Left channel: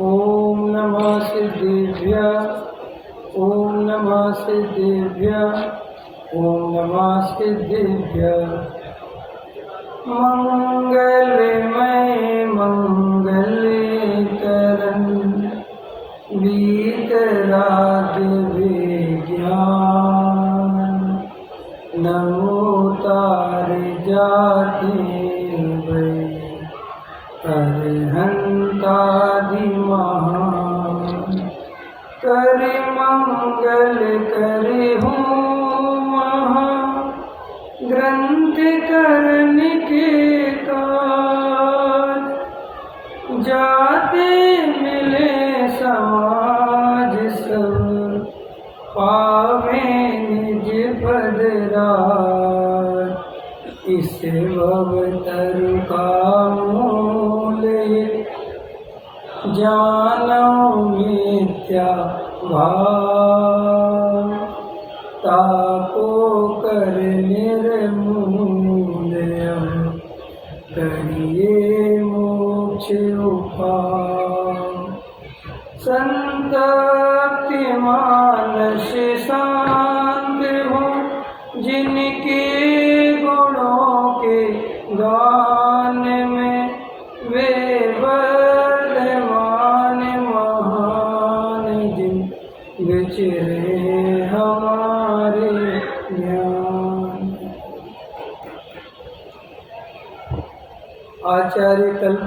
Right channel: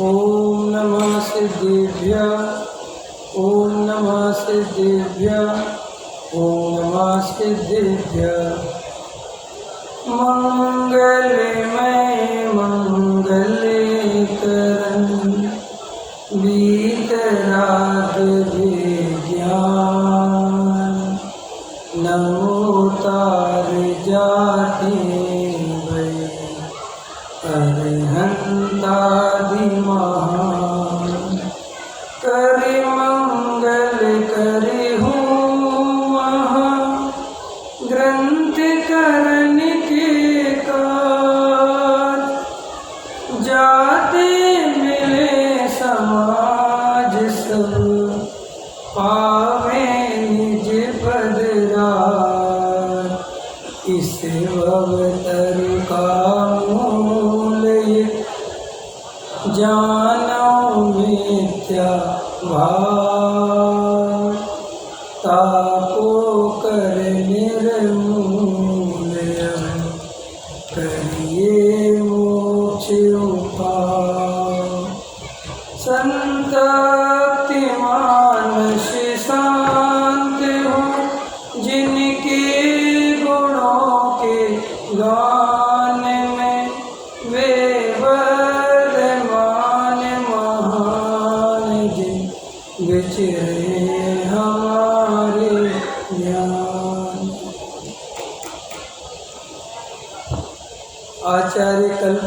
ओम नमः सिद्धेभ्यः, ओम नमः सिद्धेभ्यः, ओम नमः सिद्धेभ्यः। मंगलमय मंगलकरण वीतराग विज्ञान, नमो तार जाते भय अरहंतादि महान। करे मंगल करे हूँ महा ग्रंथ करण के काज, जाते मिले समाज सब पावे निज पद राज। इस भवतर का मूल्य जानऊ मिथ्या भाव, ताको कर निर्मूल्य करिए मोक्ष उपाय। संतप्ति मानस शांत हो, जिनके गुणों के गान में वे वर्धमान महान, जिन विचरे हमारे ज्ञान। आचार्य कल्प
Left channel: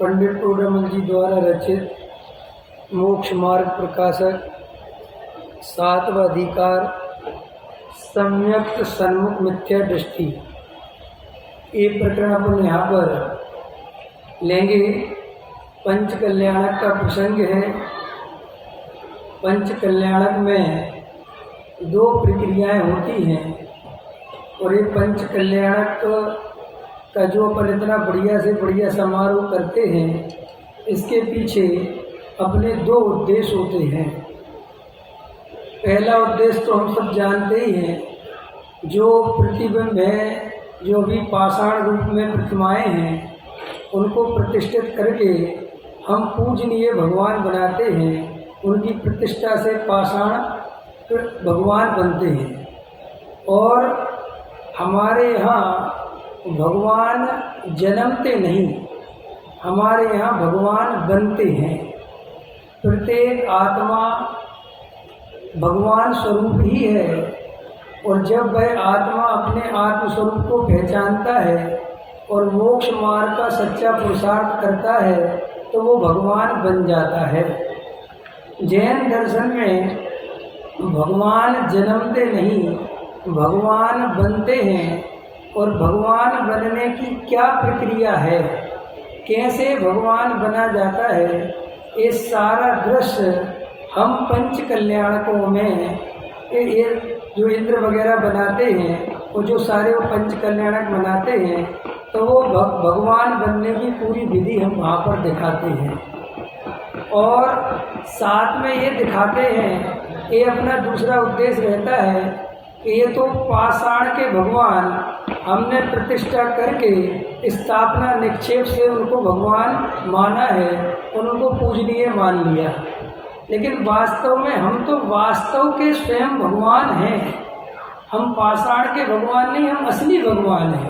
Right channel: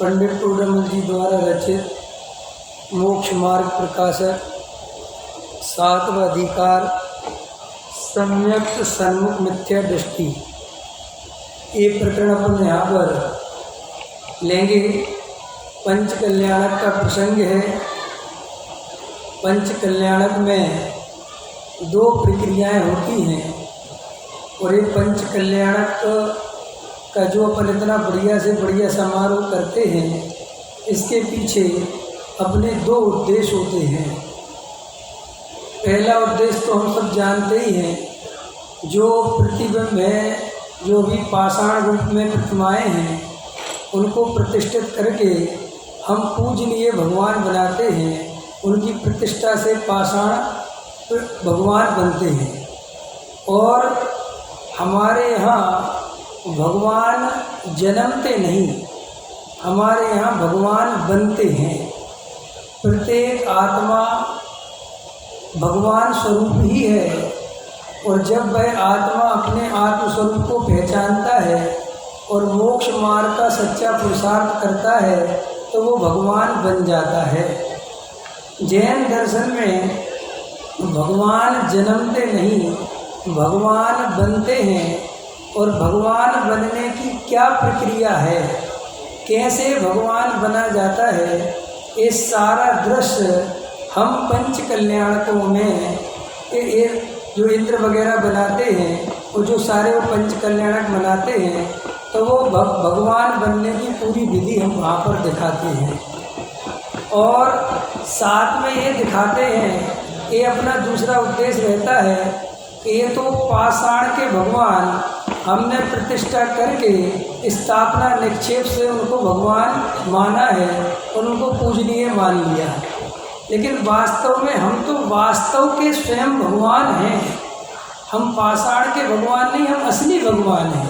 पंडित टोडामल जी द्वारा रचित मोक्ष मार्ग प्रकाशक 7वां अधिकार सम्यक सन्मुख मिथ्या दृष्टि, ये प्रकरण अपन यहाँ पर लेंगे। पंच कल्याणक का प्रसंग है। पंच कल्याणक में 2 प्रक्रियाएं होती हैं और ये पंच कल्याणक का जो अपन इतना बढ़िया से बढ़िया समारोह करते हैं, इसके पीछे अपने 2 उद्देश्य होते हैं। पहला उद्देश्य तो हम सब जानते ही हैं, जो प्रतिबिंब है, जो भी पाषाण रूप में प्रतिमाएं हैं, उनको प्रतिष्ठित करके हम पूजनीय भगवान बनाते हैं। उनकी प्रतिष्ठा से पाषाण भगवान बनते हैं। और हमारे यहाँ भगवान जन्मते नहीं, हमारे यहाँ भगवान बनते हैं। प्रत्येक आत्मा भगवान स्वरूप ही है, और जब वह आत्मा अपने आत्म स्वरूप को पहचानता है और मोक्ष मार्ग का सच्चा पुरुषार्थ करता है, तो वो भगवान बन जाता है। जैन दर्शन में भगवान जन्मते नहीं, भगवान बनते हैं। और भगवान बनने की क्या प्रक्रिया है, कैसे भगवान बना जाता है, ये सारा दृश्य हम पंच कल्याणकों में ये जो इंद्र वगैरह बनाते हैं, और जो सारे वो पंच कल्याणक बनाते हैं, तो वो भगवान बनने की पूरी विधि हम वहाँ पर दिखाते हैं। और साथ में ये दिखाते हैं, ये अपना दूसरा उद्देश्य रहता है कि ये तो पाषाण के भगवान हमने प्रतिष्ठा करके स्थापना निक्षेप से उनको भगवान माना है और उनको पूजनीय मान लिया, लेकिन वास्तव में हम तो वास्तव के स्वयं भगवान हैं। हम पाषाण के भगवान नहीं, हम असली भगवान हैं।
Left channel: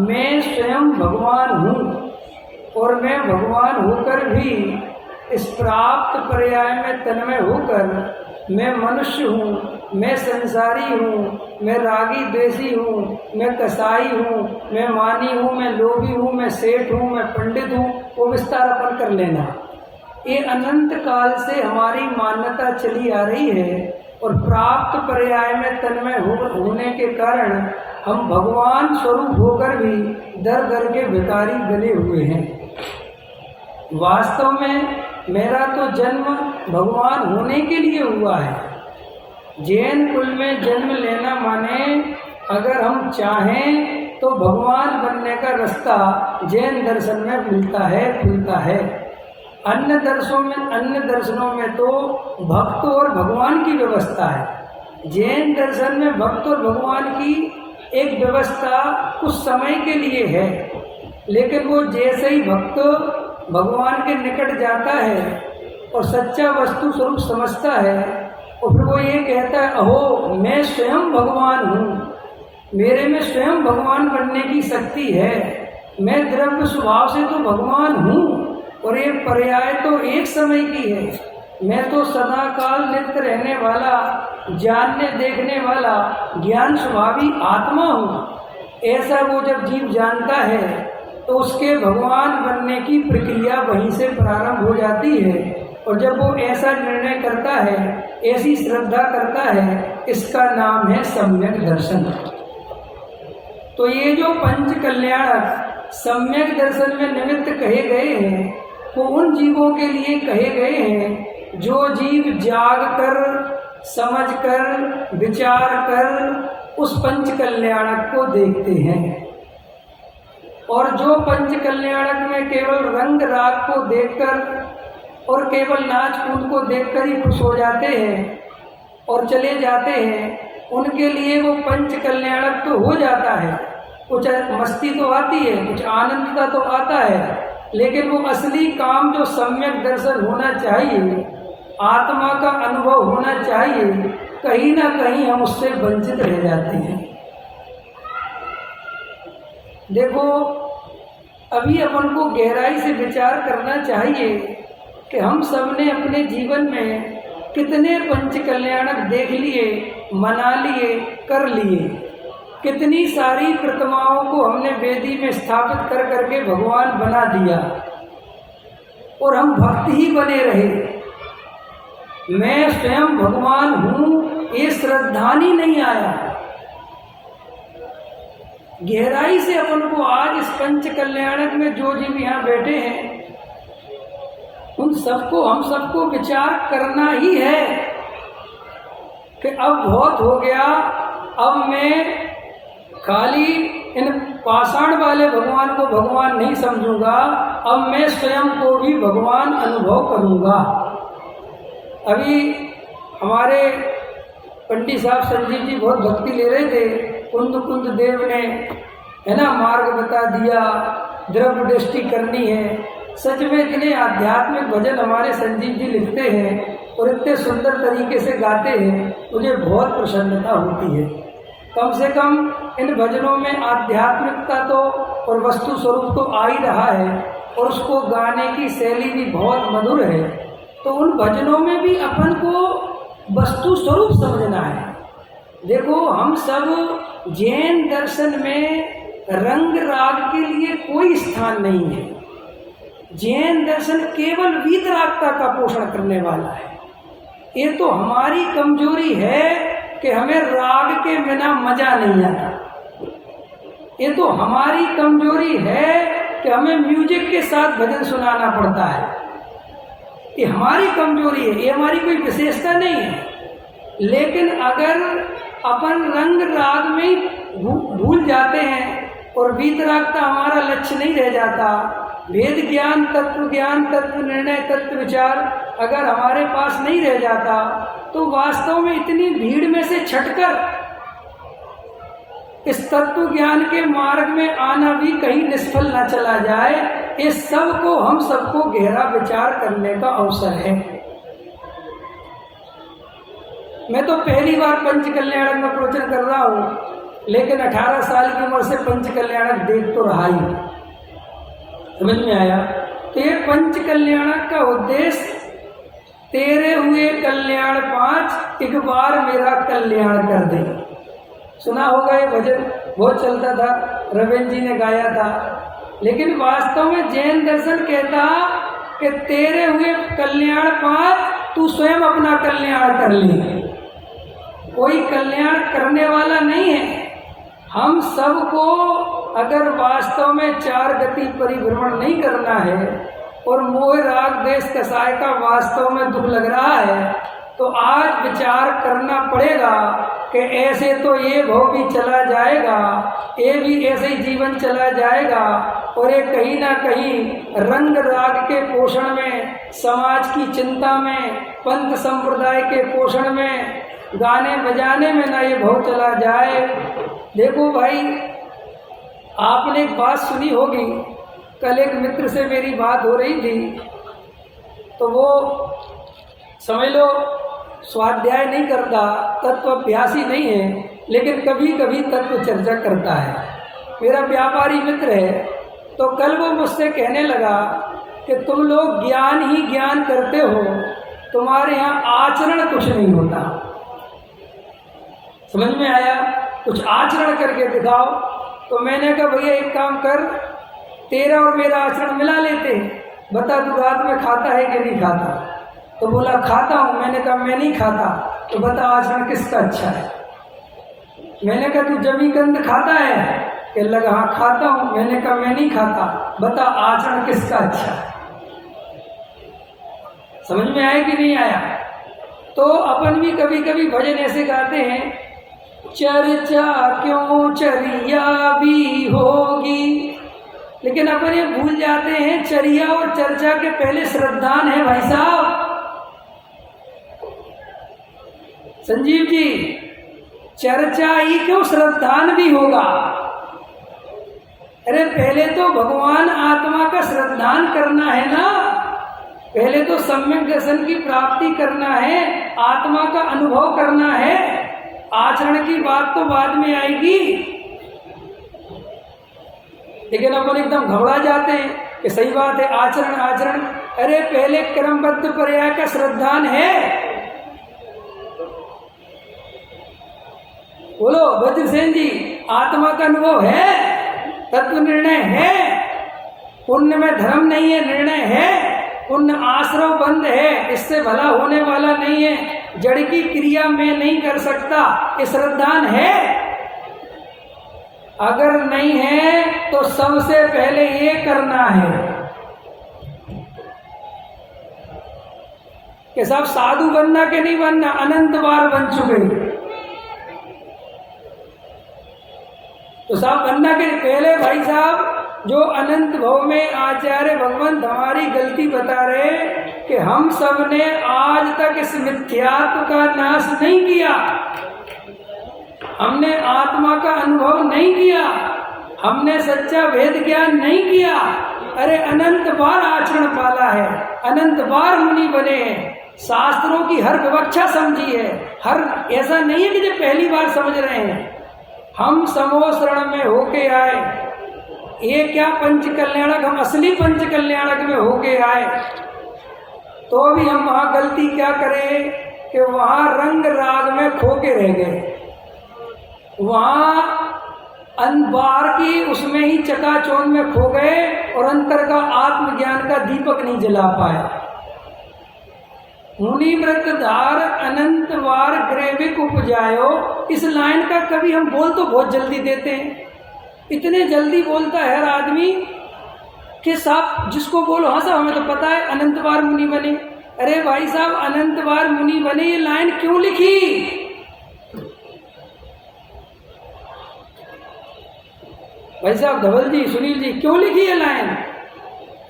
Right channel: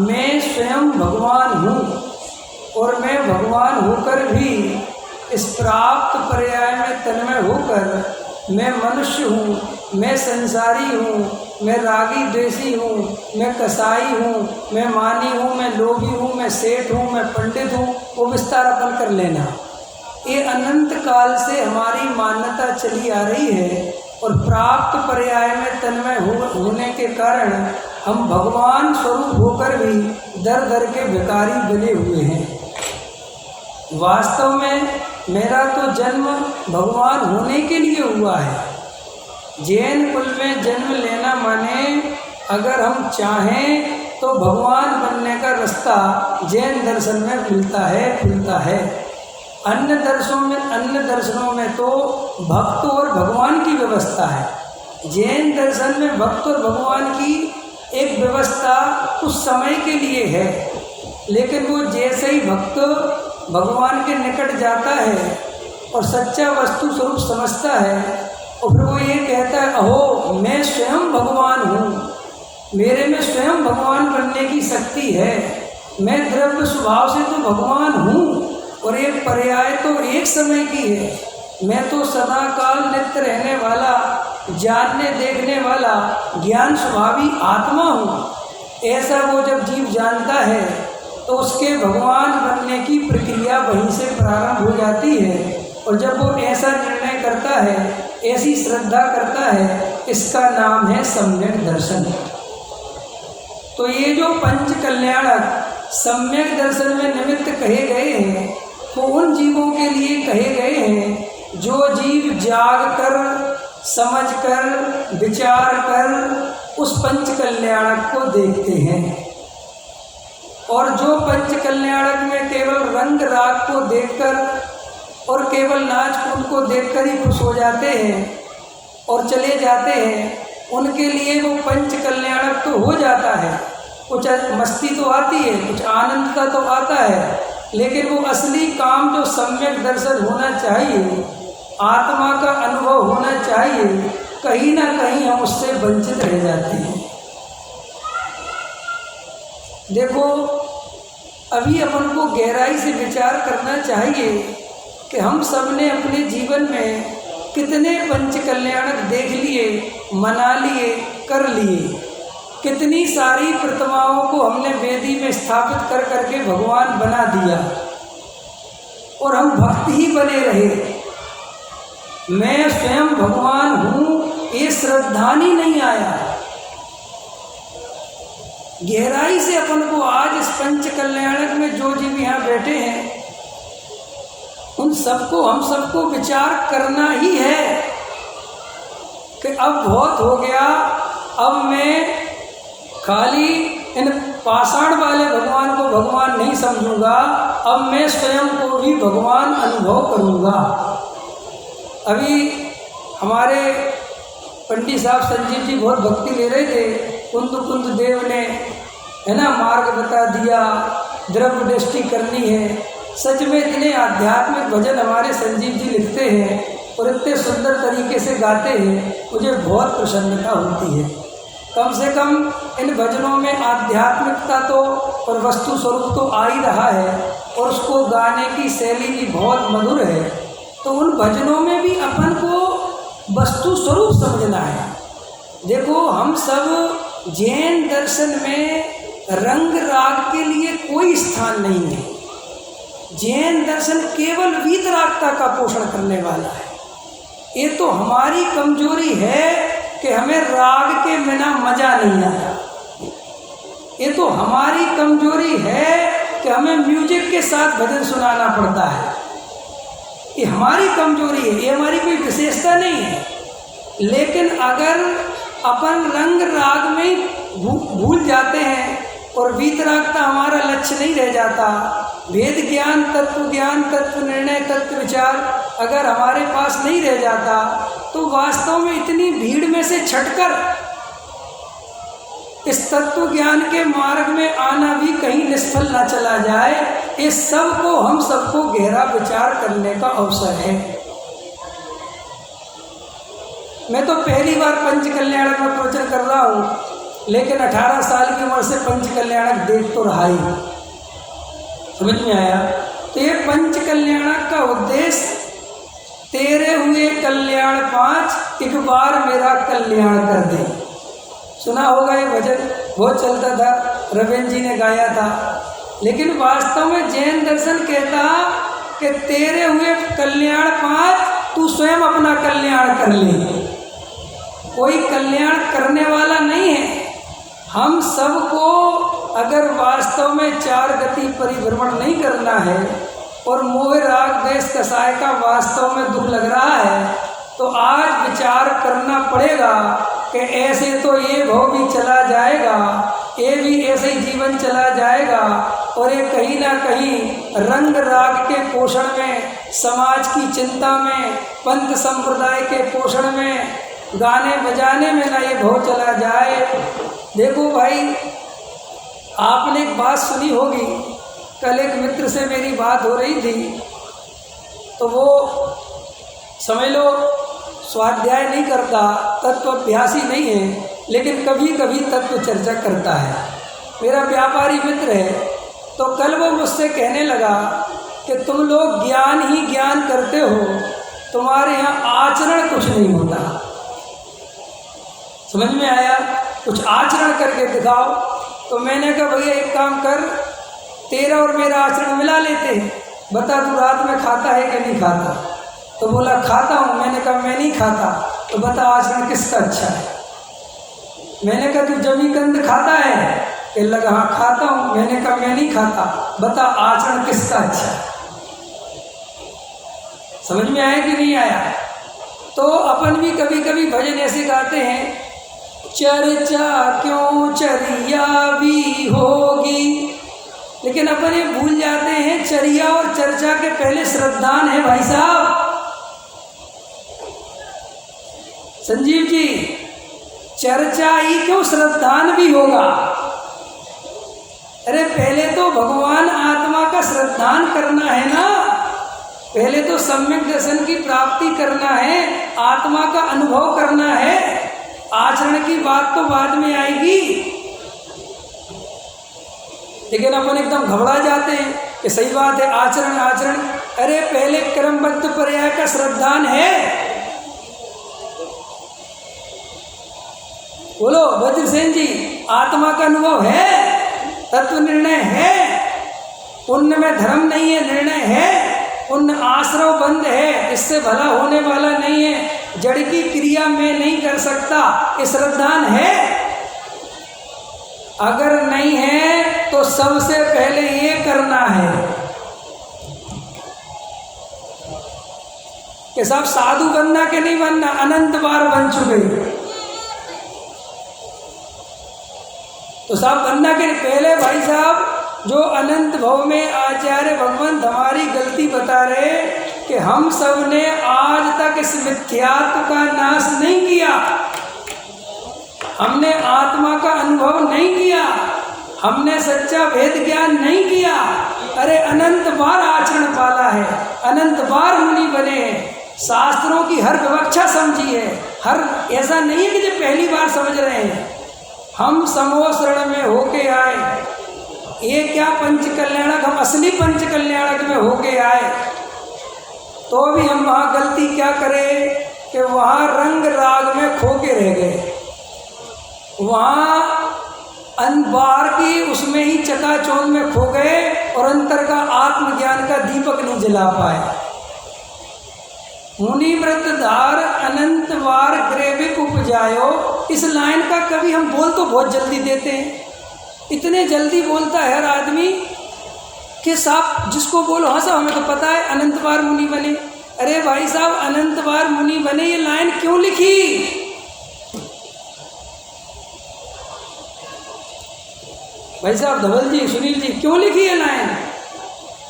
मैं स्वयं भगवान हूँ, और मैं भगवान होकर भी इस प्राप्त पर्याय में तन्मय होकर मैं मनुष्य हूँ, मैं संसारी हूँ, मैं रागी द्वेषी हूँ, मैं कसाई हूँ, मैं मानी हूँ, मैं लोभी हूँ, मैं सेठ हूँ, मैं पंडित हूँ, वो विस्तार अपन कर लेना। ये अनंत काल से हमारी मान्यता चली आ रही है, और प्राप्त पर्याय में तन्मय होने के कारण हम भगवान स्वरूप होकर भी दर दर के भिखारी बने हुए हैं। वास्तव में मेरा तो जन्म भगवान होने के लिए हुआ है। जैन कुल में जन्म लेना माने अगर हम चाहें तो भगवान बनने का रास्ता जैन दर्शन में मिलता है, खुलता है। अन्य दर्शनों में तो भक्त और भगवान की व्यवस्था है। जैन दर्शन में भक्त और भगवान की एक व्यवस्था कुछ समय के लिए है, लेकिन वो जैसे ही भक्त भगवान के निकट जाता है और सच्चा वस्तु स्वरूप समझता है और फिर वो ये कहता है, अहो मैं स्वयं भगवान हूँ, मेरे में स्वयं भगवान बनने की शक्ति है, मैं द्रव्य स्वभाव से तो भगवान हूँ और एक पर्याय तो एक समय की है, मैं तो सदा काल नित्य रहने वाला, जानने देखने वाला, ज्ञान स्वभावी आत्मा हूँ। ऐसा वो जब जीव जानता है तो उसके भगवान बनने की प्रक्रिया वहीं से प्रारंभ हो जाती है। और जब वो ऐसा निर्णय करता है, ऐसी श्रद्धा करता है, इसका नाम है सम्यक दर्शन। तो ये जो पंच कल्याणक सम्यक दर्शन में निमित्त कहे गए हैं, वो उन जीवों के लिए कहे गए हैं जो जीव जाग कर, समझ कर, विचार कर उस पंच कल्याणक को देखते हैं। और जो पंच कल्याणक में केवल रंग राग को देखकर और केवल नाच कूद को देखकर ही खुश हो जाते हैं और चले जाते हैं, उनके लिए वो पंच कल्याणक तो हो जाता है, कुछ मस्ती तो आती है, कुछ आनंद का तो आता है, लेकिन वो असली काम जो सम्यक दर्शन होना चाहिए, आत्मा का अनुभव होना चाहिए, कहीं ना कहीं हम उससे वंचित रह जाते हैं। देखो, अभी अपन को गहराई से विचार करना चाहिए कि हम सब ने अपने जीवन में कितने पंच कल्याणक देख लिए, मना लिए, कर लिए, कितनी सारी प्रतिमाओं को हमने वेदी में स्थापित कर करके भगवान बना दिया और हम भक्त ही बने रहे। मैं स्वयं भगवान हूँ, ये श्रद्धानी नहीं आया। गहराई से अपन को आज इस पंच कल्याणक में जो जीव यहाँ बैठे हैं, उन सबको, हम सबको विचार करना ही है कि अब बहुत हो गया, अब मैं खाली इन पाषाण वाले भगवान को भगवान नहीं समझूंगा, अब मैं स्वयं को भी भगवान अनुभव करूंगा। अभी हमारे पंडित साहब संजीव जी बहुत भक्ति ले रहे थे, कुंद देव ने, है ना, मार्ग बता दिया, द्रव्य दृष्टि करनी है। सच में इतने आध्यात्मिक भजन हमारे संजीव जी लिखते हैं और इतने सुंदर तरीके से गाते हैं, मुझे बहुत प्रसन्नता होती है। कम से कम इन भजनों में आध्यात्मिकता तो और वस्तु स्वरूप तो आ ही रहा है और उसको गाने की शैली भी बहुत मधुर है। तो उन भजनों में भी अपन को वस्तु स्वरूप समझना है। देखो, हम सब जैन दर्शन में रंग राग के लिए कोई स्थान नहीं है। जैन दर्शन केवल वीतरागता का पोषण करने वाला है। ये तो हमारी कमजोरी है कि हमें राग के बिना मजा नहीं आता। ये तो हमारी कमजोरी है कि हमें म्यूजिक के साथ भजन सुनाना पड़ता है। ये हमारी कमजोरी है, ये हमारी कोई विशेषता नहीं है। लेकिन अगर अपन रंग राग में भूल जाते हैं और वीतरागता हमारा लक्ष्य नहीं रह जाता, वेद ज्ञान, तत्व निर्णय, तत्व विचार अगर हमारे पास नहीं रह जाता, तो वास्तव में इतनी भीड़ में से छटकर इस तत्व ज्ञान के मार्ग में आना भी कहीं निष्फल न चला जाए। इस सब को, हम सबको गहरा विचार करने का अवसर है। मैं तो पहली बार पंच कल्याणक में प्रवचन कर रहा हूँ, लेकिन 18 साल की उम्र से पंच कल्याणक देख तो रहा ही। समझ में आया? तो ये पंच कल्याणक का उद्देश्य, तेरे हुए कल्याण 5, एक बार मेरा कल्याण कर दे। सुना होगा ये भजन, बहुत चलता था, रविंद्र जी ने गाया था। लेकिन वास्तव में जैन दर्शन कहता कि तेरे हुए कल्याण 5, तू स्वयं अपना कल्याण कर ले। कोई कल्याण करने वाला नहीं है। हम सबको अगर वास्तव में 4 गति परिभ्रमण नहीं करना है और मोह राग देश कसाय का वास्तव में दुख लग रहा है, तो आज विचार करना पड़ेगा कि ऐसे तो ये भव भी चला जाएगा, ये भी ऐसे ही जीवन चला जाएगा और ये कहीं ना कहीं रंग राग के पोषण में, समाज की चिंता में, पंथ संप्रदाय के पोषण में, गाने बजाने में ना ये भव चला जाए। देखो भाई, आपने एक बात सुनी होगी, कल एक मित्र से मेरी बात हो रही थी, तो वो समझ लो स्वाध्याय नहीं करता, तत्व अभ्यासी नहीं है, लेकिन कभी कभी तत्व चर्चा करता है। मेरा व्यापारी मित्र है, तो कल वो मुझसे कहने लगा कि तुम लोग ज्ञान ही ज्ञान करते हो, तुम्हारे यहाँ आचरण कुछ नहीं होता। समझ में आया? कुछ आचरण करके दिखाओ। तो मैंने कहा भैया एक काम कर, तेरा और मेरा आचरण मिला लेते हैं, बता तू रात में खाता है कि नहीं खाता? तो बोला खाता हूँ। मैंने कहा मैं नहीं खाता। तो बता आचरण किसका अच्छा है? मैंने कहा तू जमीगंध खाता है? कि लगा हाँ खाता हूँ। मैंने कहा मैं नहीं खाता, बता आचरण किसका अच्छा है? समझ में आया कि नहीं आया? तो अपन भी कभी कभी भजन ऐसे गाते हैं, चर्चा क्यों चरिया भी होगी, लेकिन अपन ये भूल जाते हैं चर्या और चर्चा के पहले श्रद्धान है भाई साहब। संजीव जी, चर्चा ही क्यों श्रद्धान भी होगा? अरे पहले तो भगवान आत्मा का श्रद्धान करना है ना, पहले तो सम्यक दर्शन की प्राप्ति करना है, आत्मा का अनुभव करना है। आचरण की बात तो बाद में आएगी, लेकिन अपन एकदम घबरा जाते हैं कि सही बात है आचरण आचरण। अरे पहले क्रमबद्ध पर्याय का श्रद्धान है। बोलो वज्रसेन जी, आत्मा का अनुभव है, तत्व निर्णय है, पुण्य में धर्म नहीं है, निर्णय है, पुण्य आश्रव बंद है, इससे भला होने वाला नहीं है, जड़ की क्रिया में नहीं कर सकता, ये श्रद्धान है। अगर नहीं है तो सबसे पहले ये करना है कि साहब साधु बनना के नहीं बनना, अनंत बार बन चुके, तो साहब बनना के पहले भाई साहब जो अनंत भव में आचार्य भगवंत हमारी गलती बता रहे कि हम सब ने आज तक इस मिथ्यात्व का नाश नहीं किया, हमने आत्मा का अनुभव नहीं किया, हमने सच्चा वेद ज्ञान नहीं किया। अरे अनंत बार आचरण पाला है, अनंत बार मुनि बने हैं, शास्त्रों की हर विवक्षा समझी है, हर ऐसा नहीं है कि जो पहली बार समझ रहे हैं। हम समोशरण में होके आए, ये क्या पंचकल्याणक, हम असली पंचकल्याणक में होके आए, तो भी हम वहाँ गलती क्या करें कि वहाँ रंग राग में खो के रह गए, वहाँ बाहर की उसमें ही चकाचौंध में खो गए और अंतर का आत्मज्ञान का दीपक नहीं जला पाए। मुनि व्रतधार अनंत बार ग्रेविक उपजायो, इस लाइन का कभी हम बोल तो बहुत जल्दी देते हैं, इतने जल्दी बोलता है हर आदमी कि साहब जिसको बोलो हाँ साहब हमें तो पता है अनंत बार मुनि बने। अरे भाई साहब अनंत बार मुनि बने ये लाइन क्यों लिखी? भाई साहब धवल जी, सुनील जी, क्यों लिखी ये लाइन?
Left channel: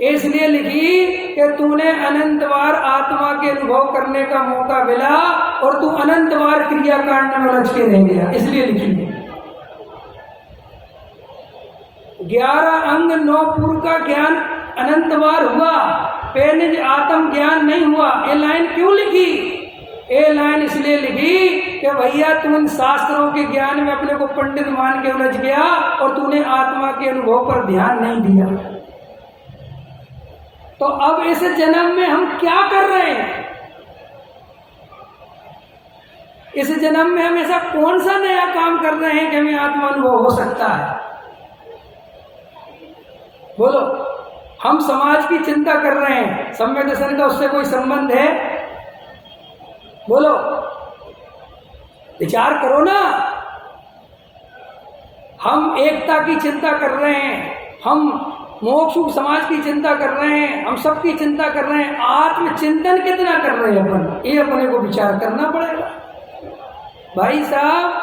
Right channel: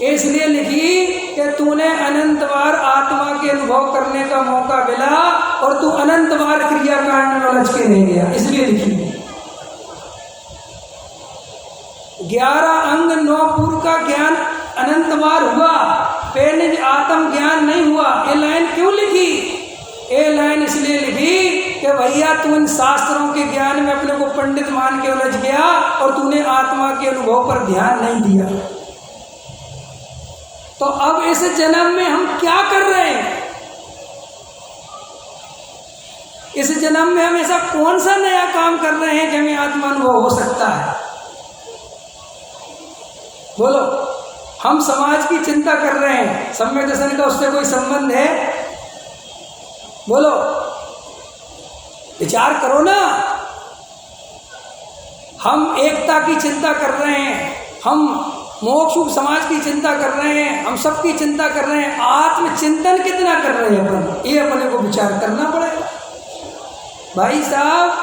इसलिए लिखी कि तूने अनंत बार आत्मा के अनुभव करने का मौका मिला और तू अनंत बार क्रियाकांड में उलझ के रह गया, इसलिए लिखी। 11 अंग 9 पूर्व का ज्ञान अनंत बार हुआ, पहले आत्म ज्ञान नहीं हुआ। ये लाइन क्यों लिखी? ये लाइन इसलिए लिखी कि भैया तू इन शास्त्रों के ज्ञान में अपने को पंडित मान के उलझ गया और तूने आत्मा के अनुभव पर ध्यान नहीं दिया। तो अब इस जन्म में हम क्या कर रहे हैं? इस जन्म में हम ऐसा कौन सा नया काम कर रहे हैं कि हमें आत्मा अनुभव हो सकता है? बोलो। हम समाज की चिंता कर रहे हैं, सम्यक दर्शन का उससे कोई संबंध है? बोलो, विचार करो ना। हम एकता की चिंता कर रहे हैं, हम मोक्ष समाज की चिंता कर रहे हैं, हम सबकी चिंता कर रहे हैं, आत्मचिंतन कितना कर रहे हैं अपन? ये अपने को विचार करना पड़ेगा भाई साहब।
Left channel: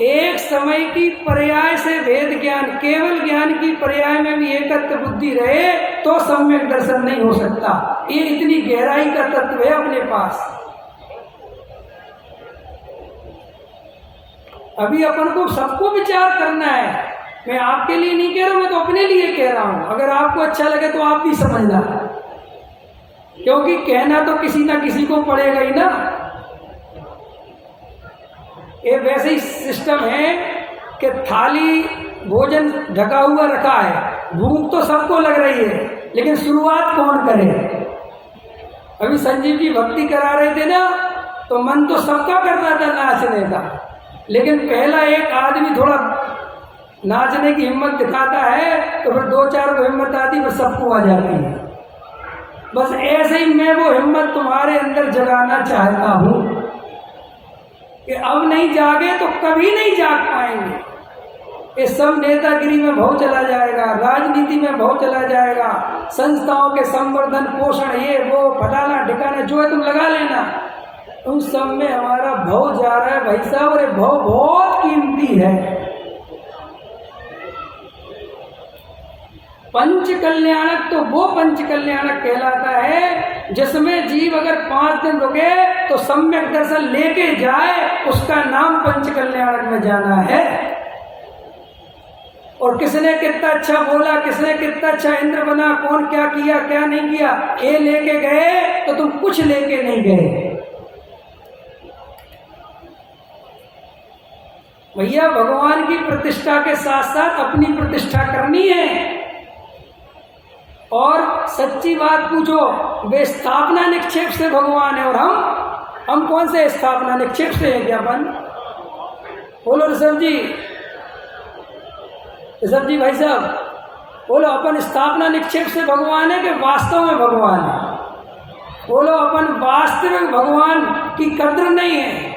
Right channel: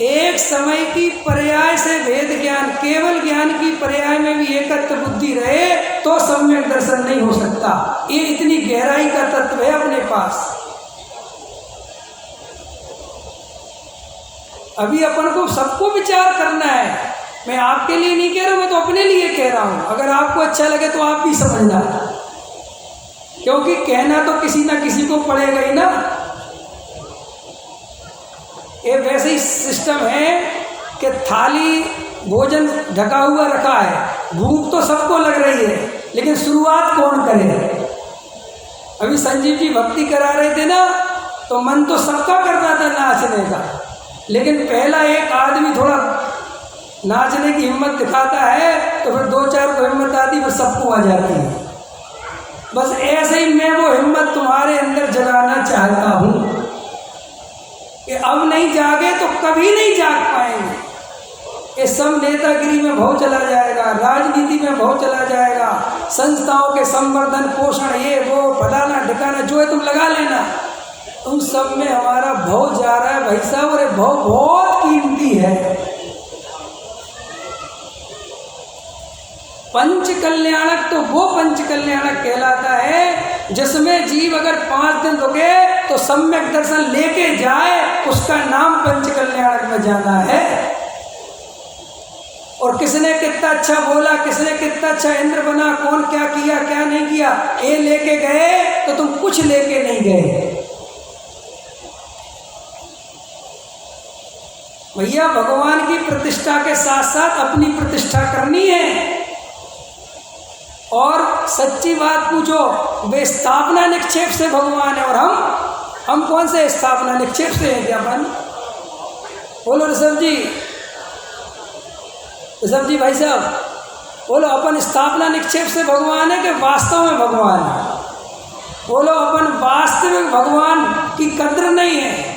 एक समय की पर्याय से वेद ज्ञान, केवल ज्ञान की पर्याय में भी एकत्व बुद्धि रहे तो सम्यक दर्शन नहीं हो सकता। ये इतनी गहराई का तत्व है अपने पास। अभी अपन को सबको विचार करना है मैं आपके लिए नहीं कह रहा हूँ, मैं तो अपने लिए कह रहा हूँ। अगर आपको अच्छा लगे तो आप भी समझना, क्योंकि कहना तो किसी ना किसी को पड़ेगा ही ना। ये वैसे ही सिस्टम है कि थाली भोजन ढका हुआ रखा है, भूख तो सबको लग रही है, लेकिन शुरुआत कौन करे? अभी संजीव जी भक्ति करा रहे थे ना, तो मन तो सबका करता था नाचने का, लेकिन पहला एक आदमी थोड़ा नाचने की हिम्मत दिखाता है तो फिर 2-4 को हिम्मत आती, फिर सबको आ जाती है। बस ऐसे ही मैं वो हिम्मत तुम्हारे अंदर जगाना चाहता हूँ कि अब नहीं जागे तो कभी नहीं जाग पाएंगे। ये सब नेतागिरी में भाव चला जाएगा, राजनीति में भाव चला जाएगा, संस्थाओं के संवर्धन पोषण, ये वो फलाना ठिकाना जो है तुम लगा लेना, उन सब में हमारा भाव जा रहा है भाई साहब। और ये भाव बहुत कीमती है। पंच कल्याणक तो वो पंच कल्याणक कहलाता है जिसमें जीव अगर 5 दिन रुके तो सम्यक दर्शन लेके जाए, उसका नाम पंच कल्याणक में जाना है। और किसने कितना अच्छा बोला, किसने कितना अच्छा इंद्र बना, कौन क्या किया क्या नहीं किया, ये लेके गए तो तुम कुछ लेके नहीं गए। भैया भगवान की प्रतिष्ठा के साथ साथ अपनी प्रतिष्ठा करनी है। और सच्ची बात पूछो, वे स्थापना निक्षेप से भगवान है, और हम कौन से स्थापना निक्षेप से हैं? ज्ञापन बोलो ऋषभ जी भाई साहब बोलो, अपन स्थापना निक्षेप से भगवान है कि वास्तव में भगवान है? बोलो, अपन वास्तविक भगवान की कद्र नहीं है,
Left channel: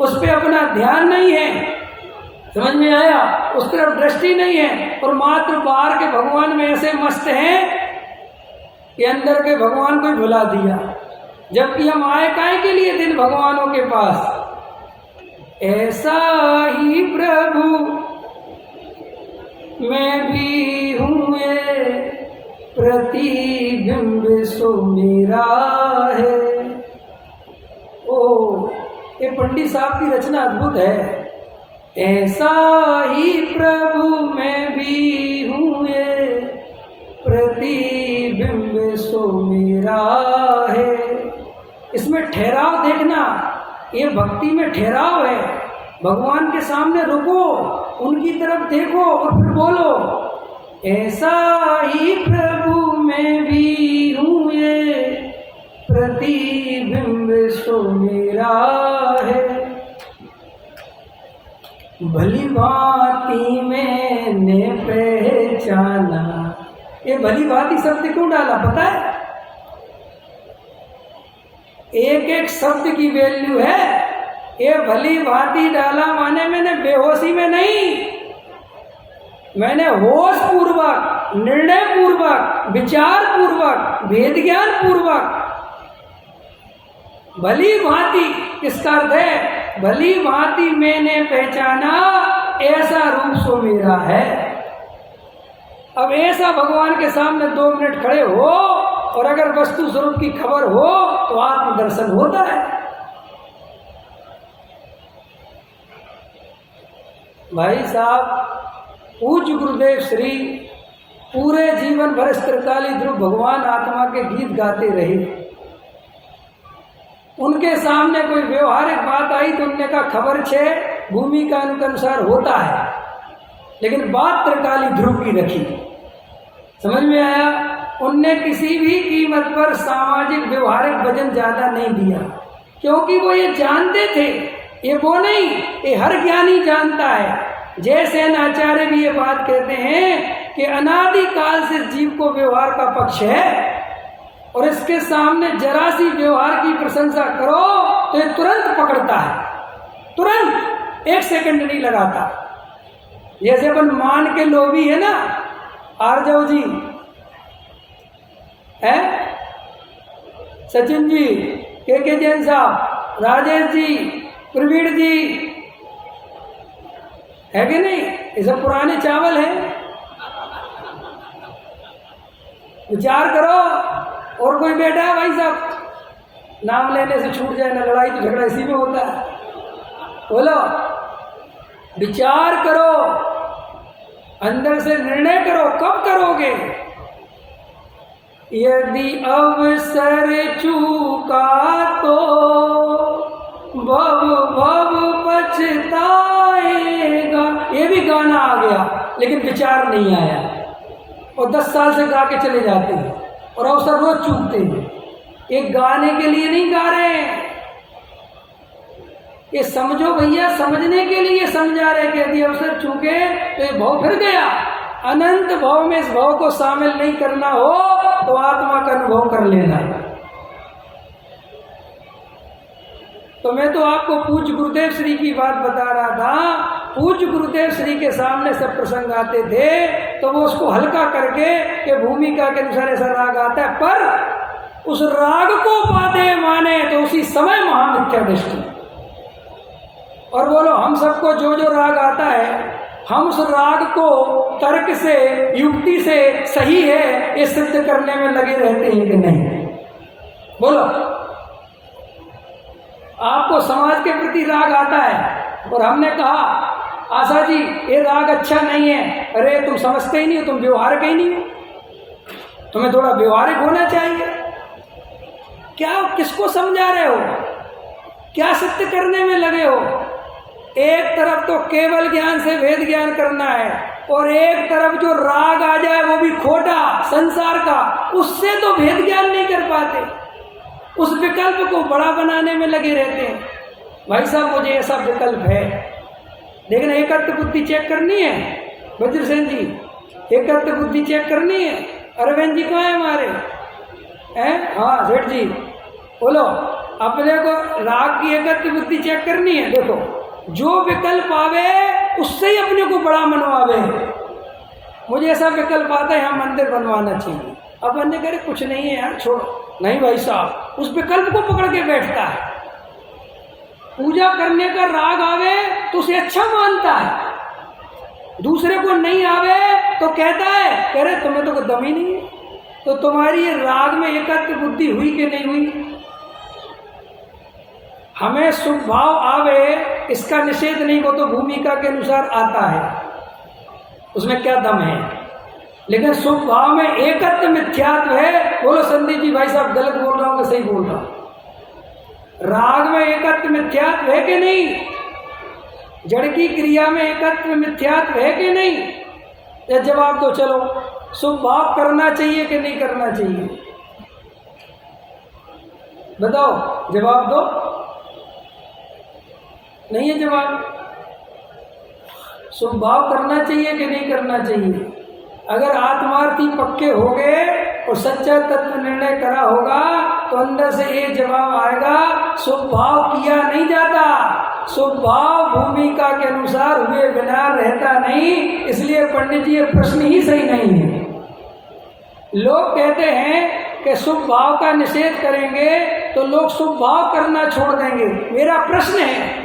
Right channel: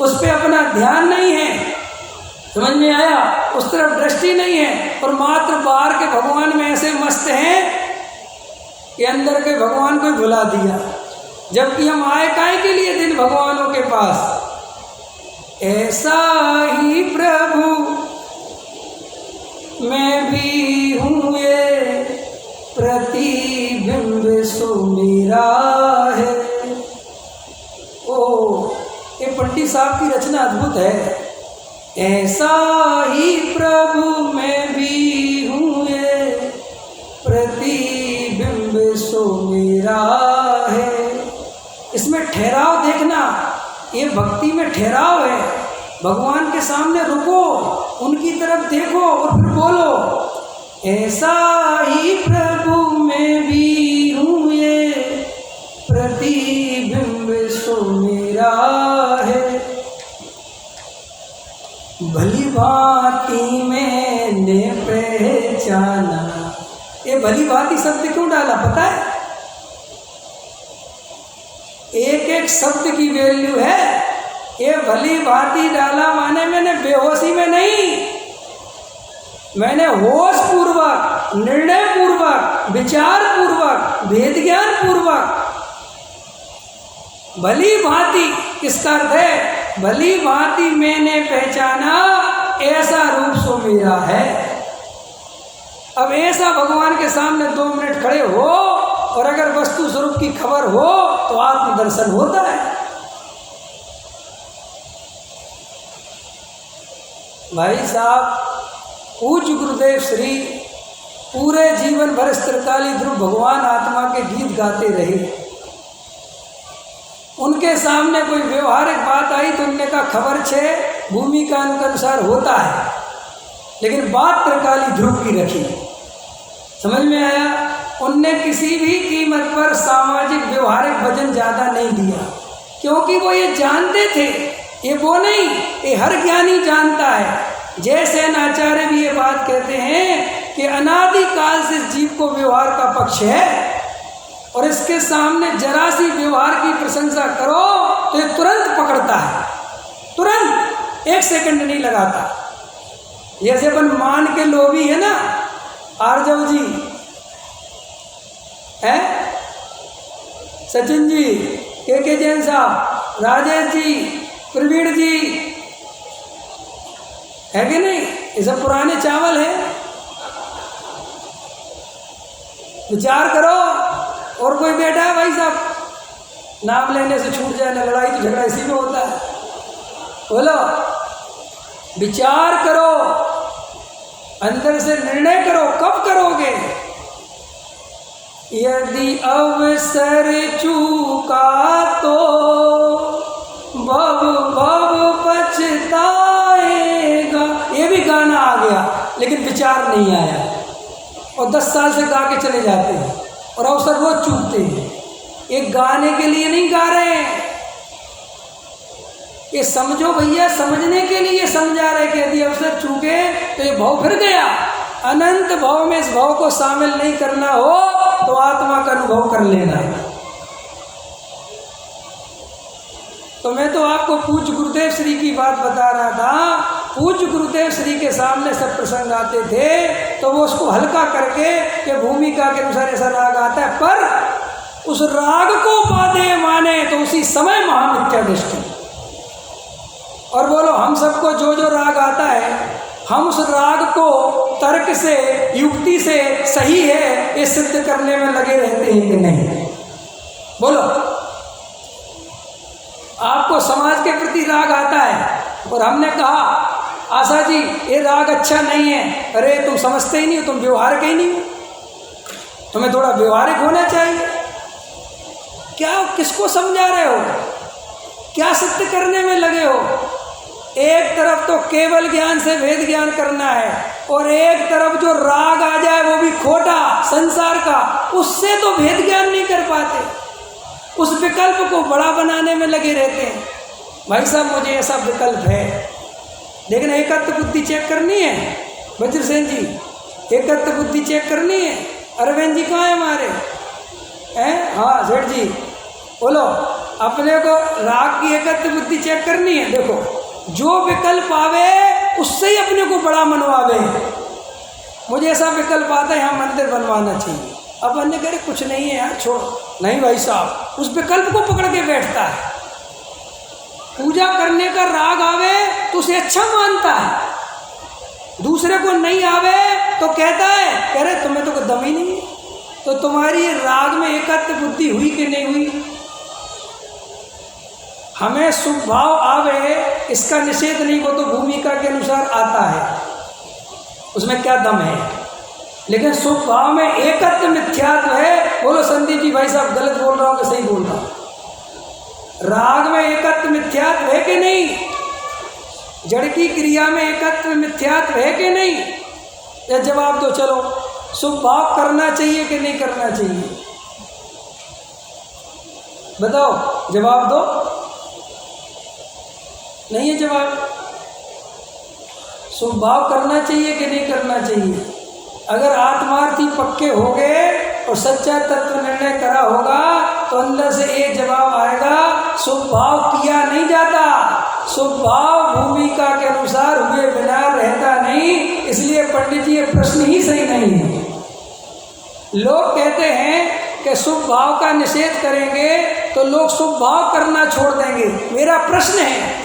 उस पर अपना ध्यान नहीं है, समझ में आया? उस तरफ दृष्टि नहीं है, और मात्र बाहर के भगवान में ऐसे मस्त हैं कि अंदर के भगवान को ही भुला दिया। जबकि हम आए काहे के लिए दिन भगवानों के पास? ऐसा ही प्रभु मैं भी हूँ, ये प्रतिबिंब सो मेरा है। ओ, ये पंडित साहब की रचना अद्भुत है। ऐसा ही प्रभु मैं भी हूँ, ये प्रतिबिंब सो मेरा है। इसमें ठहराव देखना, ये भक्ति में ठहराव है। भगवान के सामने रुको, उनकी तरफ देखो और फिर बोलो, ऐसा ही प्रभु मैं भी हूँ, ये प्रतिबिंब सो मेरा है। भली भांति मैंने पहचाना। ये भली भांति शब्द क्यों डाला पता है? एक एक शब्द की वैल्यू है। ये भली भांति डाला माने मैंने बेहोशी में नहीं, मैंने होश पूर्वक, निर्णय पूर्वक, विचार पूर्वक, भेद ज्ञान पूर्वक। भली भांति किसका अर्थ है? भली भांति मैंने पहचाना, ऐसा रूप सो मेरा है। अब ऐसा भगवान के सामने 2 मिनट खड़े हो और अगर वस्तु स्वरूप की खबर हो तो आत्मदर्शन होता है। भाई साहब, पूज्य गुरुदेव श्री पूरे जीवन भर त्रिकाली ध्रुव भगवान आत्मा के गीत गाते रहे। उनके सामने कोई व्यवहारिक बात आई तो उनने कहा खबर छे, भूमिका अनुसार होता है, लेकिन बात त्रिकाली ध्रुव की रखी। समझ में आया? उनने किसी भी कीमत पर सामाजिक व्यवहारिक वजन ज़्यादा नहीं दिया, क्योंकि वो ये जानते थे, ये वो नहीं, ये हर ज्ञानी जानता है। जैसे आचार्य भी ये बात कहते हैं कि अनादिकाल से जीव को व्यवहार का पक्ष है, और इसके सामने जरा सी व्यवहार की प्रशंसा करो तो ये तुरंत पकड़ता है, तुरंत 1 सेकंड नहीं लगाता। जैसे अपन मान के लोभी है ना, आरजव जी है, सचिन जी, के जैन साहब, राजेश जी, प्रवीण जी, है कि नहीं? ये सब पुराने चावल हैं। विचार करो। और कोई बैठा है भाई साहब, नाम लेने से छूट जाए ना, लड़ाई तो झगड़ा इसी में होता है। बोलो, विचार करो। अंदर से निर्णय करो, कब करोगे? यदि अवसर चूका तो भव भव पछताएगा। ये भी गाना आ गया लेकिन विचार नहीं आया, और 10 साल से गा के चले जाते हैं और अवसर रोज चूकते हैं। एक गाने के लिए नहीं गा रहे हैं, ये समझो भैया, समझने के लिए समझा रहे कि यदि अवसर चूके तो ये भव फिर गया। अनंत भव में इस भव को शामिल नहीं करना हो तो आत्मा का अनुभव कर लेना। तो मैं तो आपको पूज्य गुरुदेव श्री की बात बता रहा था। पूज्य गुरुदेव श्री के सामने सब प्रसंग आते थे तो वो उसको हल्का करके कि भूमिका के अनुसार ऐसा राग आता है, पर उस राग को बाधे माने तो उसी समय महामिथ्या दृष्टि। और बोलो, हम सबको जो जो राग आता है, हम उस राग को तर्क से, युक्ति से सही है ये सिद्ध करने में लगे रहते हैं कि नहीं? बोलो, आपको समाज के प्रति राग आता है और हमने कहा आशा जी ये राग अच्छा नहीं है, अरे तुम समझते ही नहीं हो, तुम व्यवहारिक ही नहीं हो, तुम्हें थोड़ा व्यवहारिक होना चाहिए। क्या किसको समझा रहे हो? क्या सिद्ध करने में लगे हो? एक तरफ तो केवल ज्ञान से भेद ज्ञान करना है और एक तरफ जो राग आ जाए वो भी खोटा संसार का, उससे तो भेद ज्ञान नहीं कर पाते, उस विकल्प को बड़ा बनाने में लगे रहते हैं। भाई साहब मुझे ऐसा विकल्प है, देखना एकत्व बुद्धि चेक करनी है। वज्रसेन जी एकत्व बुद्धि चेक करनी है। अरविंद जी कहाँ है हमारे? हैं? हाँ सेठ जी बोलो, अपने को राग की एकत्व बुद्धि चेक करनी है। देखो जो विकल्प आवे उससे ही अपने को बड़ा मनवावे। मुझे ऐसा विकल्प आता है यहाँ मंदिर बनवाना चाहिए, अब अन्य कह रहे कुछ नहीं है यार छोड़ो, नहीं भाई साहब उस विकल्प को पकड़ के बैठता है। पूजा करने का राग आवे तो उसे अच्छा मानता है, दूसरे को नहीं आवे तो कहता है, कह रहे तुम्हें तो कोई दम ही नहीं है। तो तुम्हारी राग में एकत्व बुद्धि हुई कि नहीं हुई? हमें शुभ भाव आवे इसका निषेध नहीं, वो तो भूमिका के अनुसार आता है, उसमें क्या दम है। लेकिन शुभ भाव में एकत्व मिथ्यात्व है। बोलो संदीप जी भाई साहब गलत बोल रहा हूँ कि सही बोल रहा हूँ? राग में एकत्व मिथ्यात्व है कि नहीं? जड़ की क्रिया में एकत्व मिथ्यात्व है कि नहीं? या जवाब दो, चलो शुभ भाव करना चाहिए कि नहीं करना चाहिए? बताओ, जवाब दो। नहीं है जवाब। शुभ भाव करना चाहिए कि नहीं करना चाहिए? अगर आत्मार्थी पक्के हो गए और सच्चा तत्व निर्णय करा होगा तो अंदर से ये जवाब आएगा, शुभ भाव किया नहीं जाता, शुभ भाव भूमिका के अनुसार हुए बिना रहता नहीं। इसलिए पंडित जी ये प्रश्न ही सही नहीं है। लोग कहते हैं कि शुभ भाव का निषेध करेंगे तो लोग शुभ भाव करना छोड़ देंगे। मेरा प्रश्न है,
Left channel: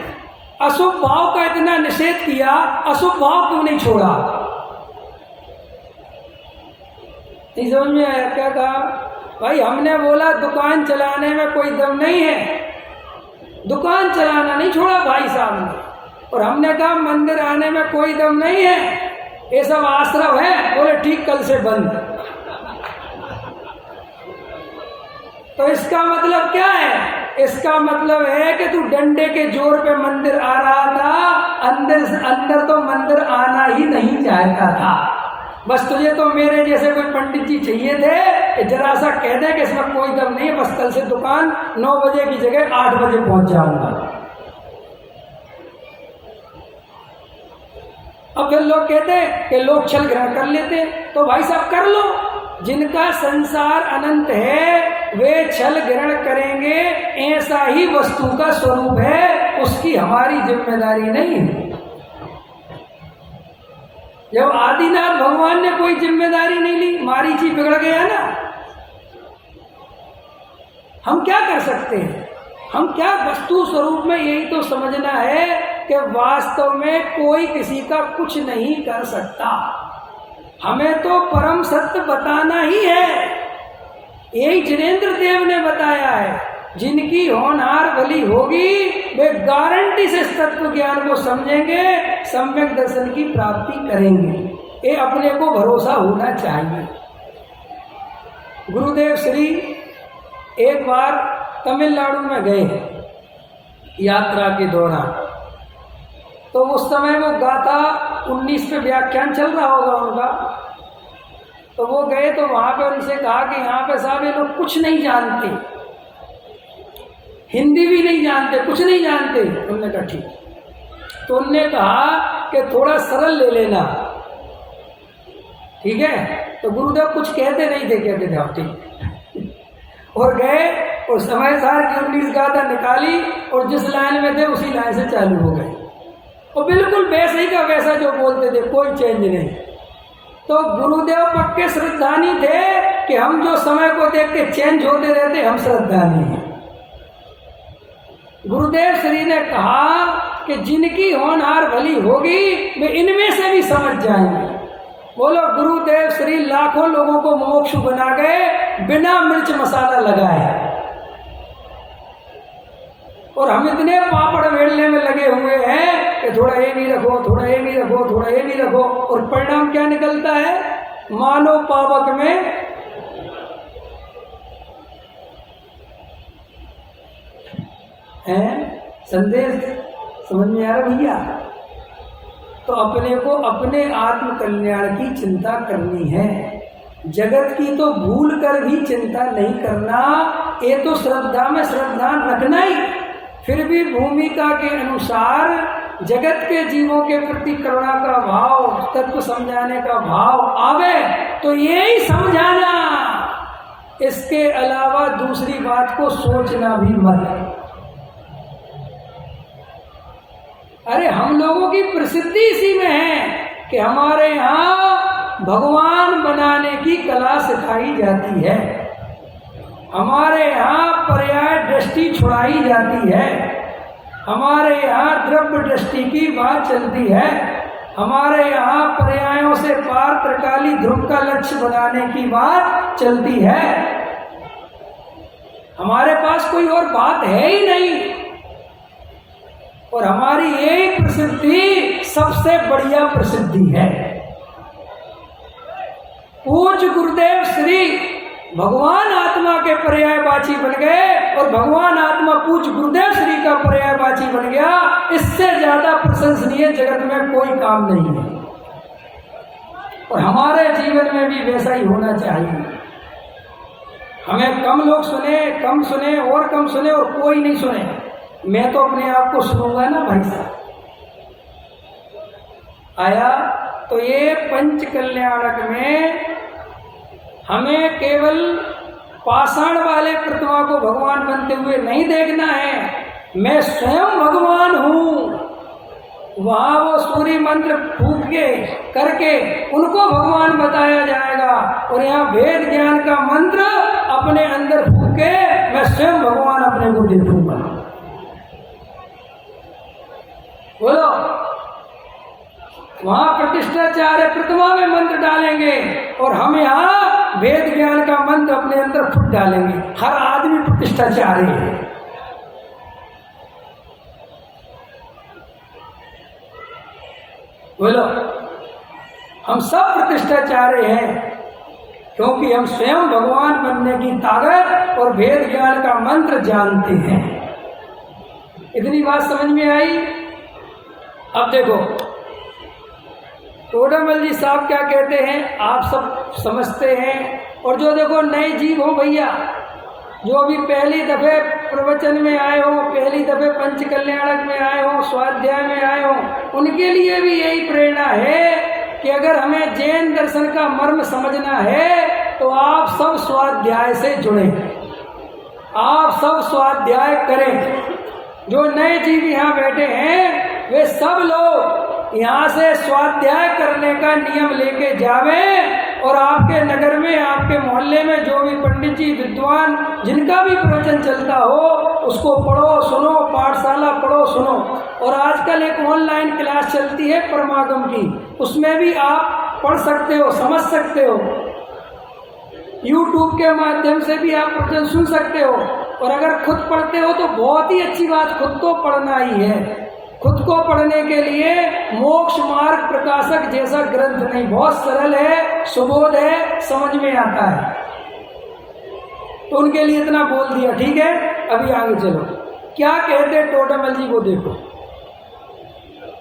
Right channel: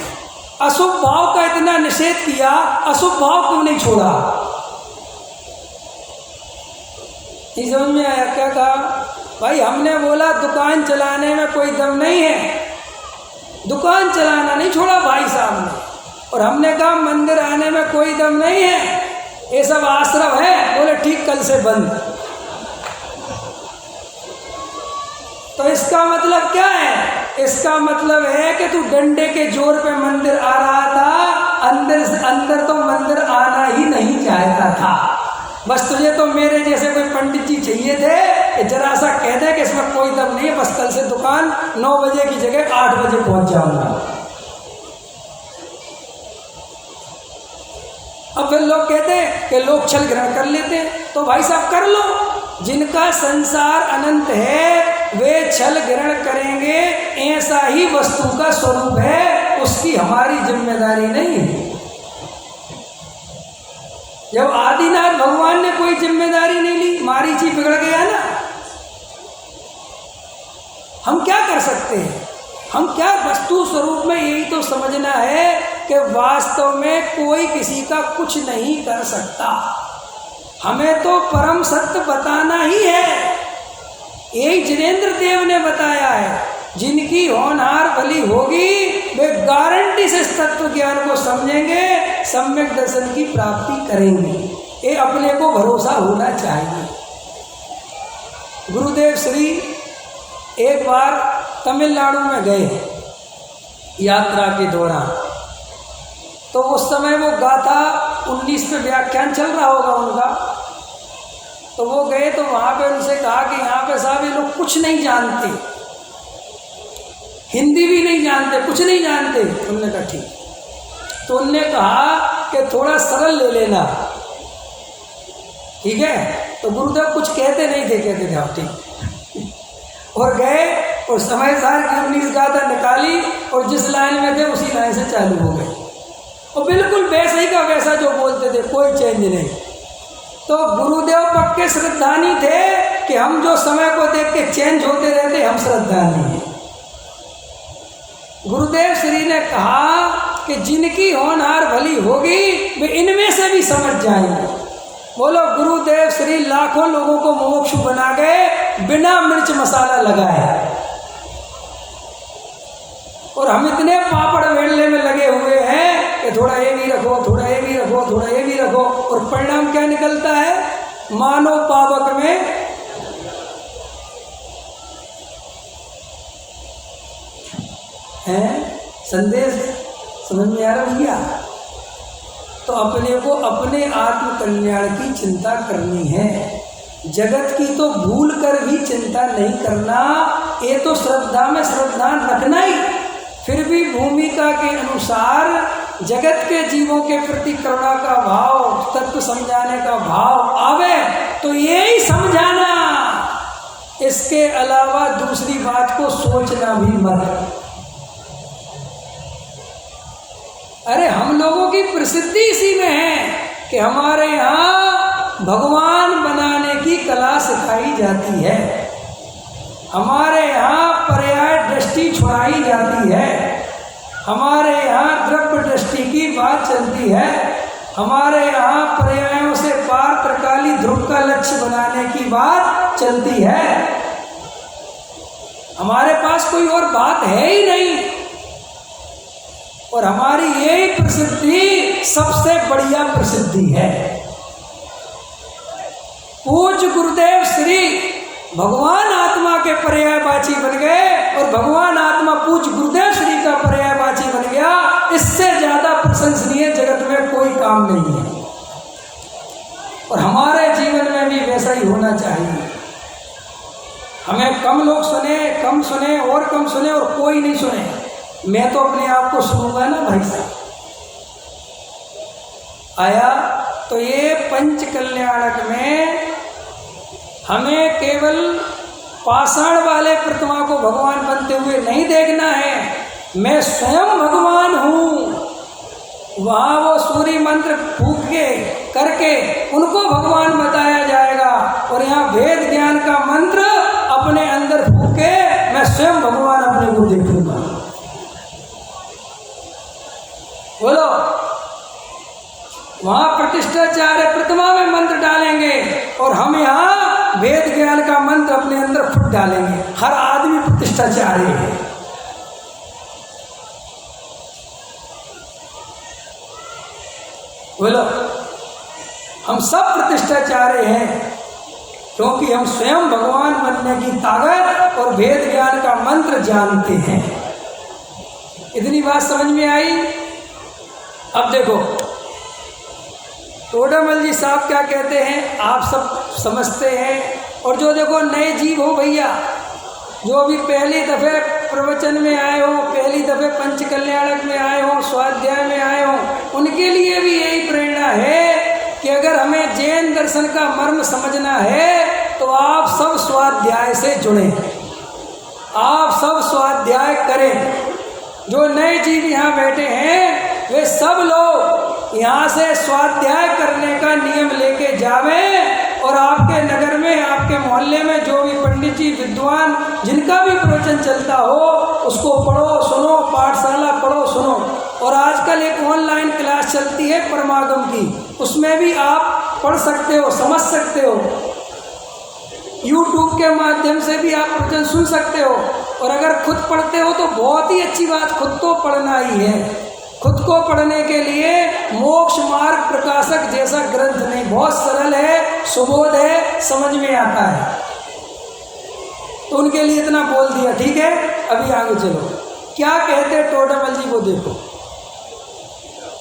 अशुभ भाव का इतना निषेध किया, अशुभ भाव क्यों नहीं छोड़ा? नहीं समझ में आया? क्या कहा भाई? हमने बोला दुकान चलाने में कोई दम नहीं है, दुकान चलाना नहीं छोड़ा भाई साहब ने। और हमने कहा मंदिर आने में कोई दम नहीं है, ये सब आश्रम है। बोले ठीक, कल से बंद। तो इसका मतलब क्या है? इसका मतलब है कि तू डंडे के जोर पे मंदिर आ रहा था, अंदर तो मंदिर आना ही नहीं चाहता था। बस तुझे तो मेरे जैसे कोई पंडित जी चाहिए थे कि जरा सा कह दे कि इसमें कोई दम नहीं है, बस कल से दुकान 9 बजे की जगह 8 बजे पहुंच जाऊंगा। अब फिर लोग कहते हैं कि लोग छल ग्रहण कर लेते हैं, तो भाई साहब कर लो। जिनका संसार अनंत है वे छल ग्रहण करेंगे, ऐसा ही वस्तु का स्वरूप है, उसकी हमारी जिम्मेदारी नहीं है। जब आदिनाथ भगवान ने कोई जिम्मेदारी नहीं ली, मारीची बिगड़ गया ना, हम क्या कर सकते हैं? हम क्या, वस्तु स्वरूप में यही तो समझना है कि वास्तव में कोई किसी का कुछ नहीं कर सकता। हमें तो परम सत्य बताना ही है। यही जिनेंद्र देव ने बताया है, जिनकी होनहार भली होगी वे गारंटी से इस तत्व ज्ञान को समझेंगे, सम्यक दर्शन की प्राप्ति करेंगे। ये अपने को भरोसा होना चाहिए। गुरुदेव श्री एक बार तमिलनाडु में गए यात्रा के दौरान, तो उस समय वो गाथा 19 पे व्याख्यान चल रहा होगा उनका, तो वो गए तो वहाँ पे उनसे कहा कि यहाँ पे साहब ये लोग कुछ नहीं जानते, हिंदी भी नहीं जानते, कुछ नहीं जानते। उन्होंने कहा ठीक। तो उनने कहा कि थोड़ा सरल ले लेना, ठीक है। तो गुरुदेव कुछ कहते नहीं थे, कहते थे आप ठीक। और गए और समय सार की 19 गाथा निकाली और जिस लाइन में थे उसी लाइन से चालू हो गए, और बिल्कुल वैसा ही का वैसा जो बोलते थे, कोई चेंज नहीं। तो गुरुदेव पक्के श्रद्धानी थे कि हम जो समय को देख के चेंज होते रहते, हम श्रद्धानी हैं। गुरुदेव श्री ने कहा कि जिनकी होनहार भली होगी वे इनमें से भी समझ जाएंगे। बोलो, गुरुदेव श्री लाखों लोगों को मोक्ष बना गए बिना मिर्च मसाला लगाए, और हम इतने पापड़ वेलने में लगे हुए हैं कि थोड़ा ये भी रखो, थोड़ा ये भी रखो, थोड़ा ये भी रखो, और परिणाम क्या निकलता है? मानव पावक में है। संदेश समझ में आ रहा भैया? तो अपने को अपने आत्म कल्याण की चिंता करनी है, जगत की तो भूल कर भी चिंता नहीं करना। ये तो श्रद्धा में श्रद्धा रखना ही, फिर भी भूमिका के अनुसार जगत के जीवों के प्रति करुणा का भाव, तत्व समझाने का भाव आवे तो यही समझाना, इसके अलावा दूसरी बात को सोचना भी मत। अरे हम लोगों की प्रसिद्धि इसी में है कि हमारे यहाँ भगवान बनाने की कला सिखाई जाती है, हमारे यहाँ पर्याय दृष्टि छुड़ाई जाती है, हमारे यहाँ द्रव्य दृष्टि की बात चलती है, हमारे यहाँ पर्यायों से पार त्रिकाली ध्रुव का लक्ष्य बनाने की बात चलती है। हमारे पास कोई और बात है ही नहीं, और हमारी यही प्रसिद्धि सबसे बढ़िया प्रसिद्धि है। पूज्य गुरुदेव श्री भगवान आत्मा के पर्यायवाची बन गए, और भगवान आत्मा पूज्य गुरुदेव श्री का पर्यायवाची बन गया। इससे ज्यादा प्रशंसनीय जगत में कोई काम नहीं है, और हमारे जीवन में भी वैसा ही होना चाहिए। हमें कम लोग सुने, कम सुने और कम सुने, और कोई नहीं सुने, मैं तो अपने आप को सुनूंगा ना भाई साहब। आया तो ये पंच कल्याणक में हमें केवल पाषाण वाले प्रतिमा को भगवान बनते हुए नहीं देखना है, मैं स्वयं भगवान हूँ। वहाँ वो सूर्य मंत्र फूक के करके उनको भगवान बताया जाएगा, और यहाँ वेद ज्ञान का मंत्र अपने अंदर फूक के मैं स्वयं भगवान अपने को देखूंगा। बोलो, वहाँ प्रतिष्ठाचार्य प्रतिमा में मंत्र डालेंगे, और हम यहाँ वेद ज्ञान का मंत्र अपने अंदर फुट डालेंगे। हर आदमी प्रतिष्ठाचार्य है। बोलो, हम सब प्रतिष्ठाचार्य हैं, क्योंकि हम स्वयं भगवान बनने की ताकत और वेद ज्ञान का मंत्र जानते हैं। इतनी बात समझ में आई? अब देखो टोडामल जी साहब क्या कहते हैं, आप सब समझते हैं। और जो देखो नए जीव हो भैया, जो अभी पहली दफ़े प्रवचन में आए हो, पहली दफ़े पंच कल्याणक में आए हो, स्वाध्याय में आए हो, उनके लिए भी यही प्रेरणा है कि अगर हमें जैन दर्शन का मर्म समझना है तो आप सब स्वाध्याय से जुड़ें, आप सब स्वाध्याय करें। जो नए जीव यहाँ बैठे हैं वे सब लोग यहाँ से स्वाध्याय करने का नियम लेके जावें, और आपके नगर में, आपके मोहल्ले में जो भी पंडित जी विद्वान जिनका भी प्रवचन चलता हो उसको पढ़ो, सुनो, पाठशाला पढ़ो, सुनो। और आजकल एक ऑनलाइन क्लास चलती है परमागम की, उसमें भी आप पढ़ सकते हो, समझ सकते हो। YouTube के माध्यम से भी आप प्रवचन सुन सकते हो, और अगर खुद पढ़ते हो तो बहुत ही अच्छी बात, खुद तो पढ़ना ही है। खुद को पढ़ने के लिए मोक्ष मार्ग प्रकाशक जैसा ग्रंथ नहीं, बहुत सरल है, सुबोध है, समझ में आता है। तो उनके लिए इतना बोल दिया, ठीक है। अभी आगे चलो, क्या कहते टोडरमल जी वो देखो।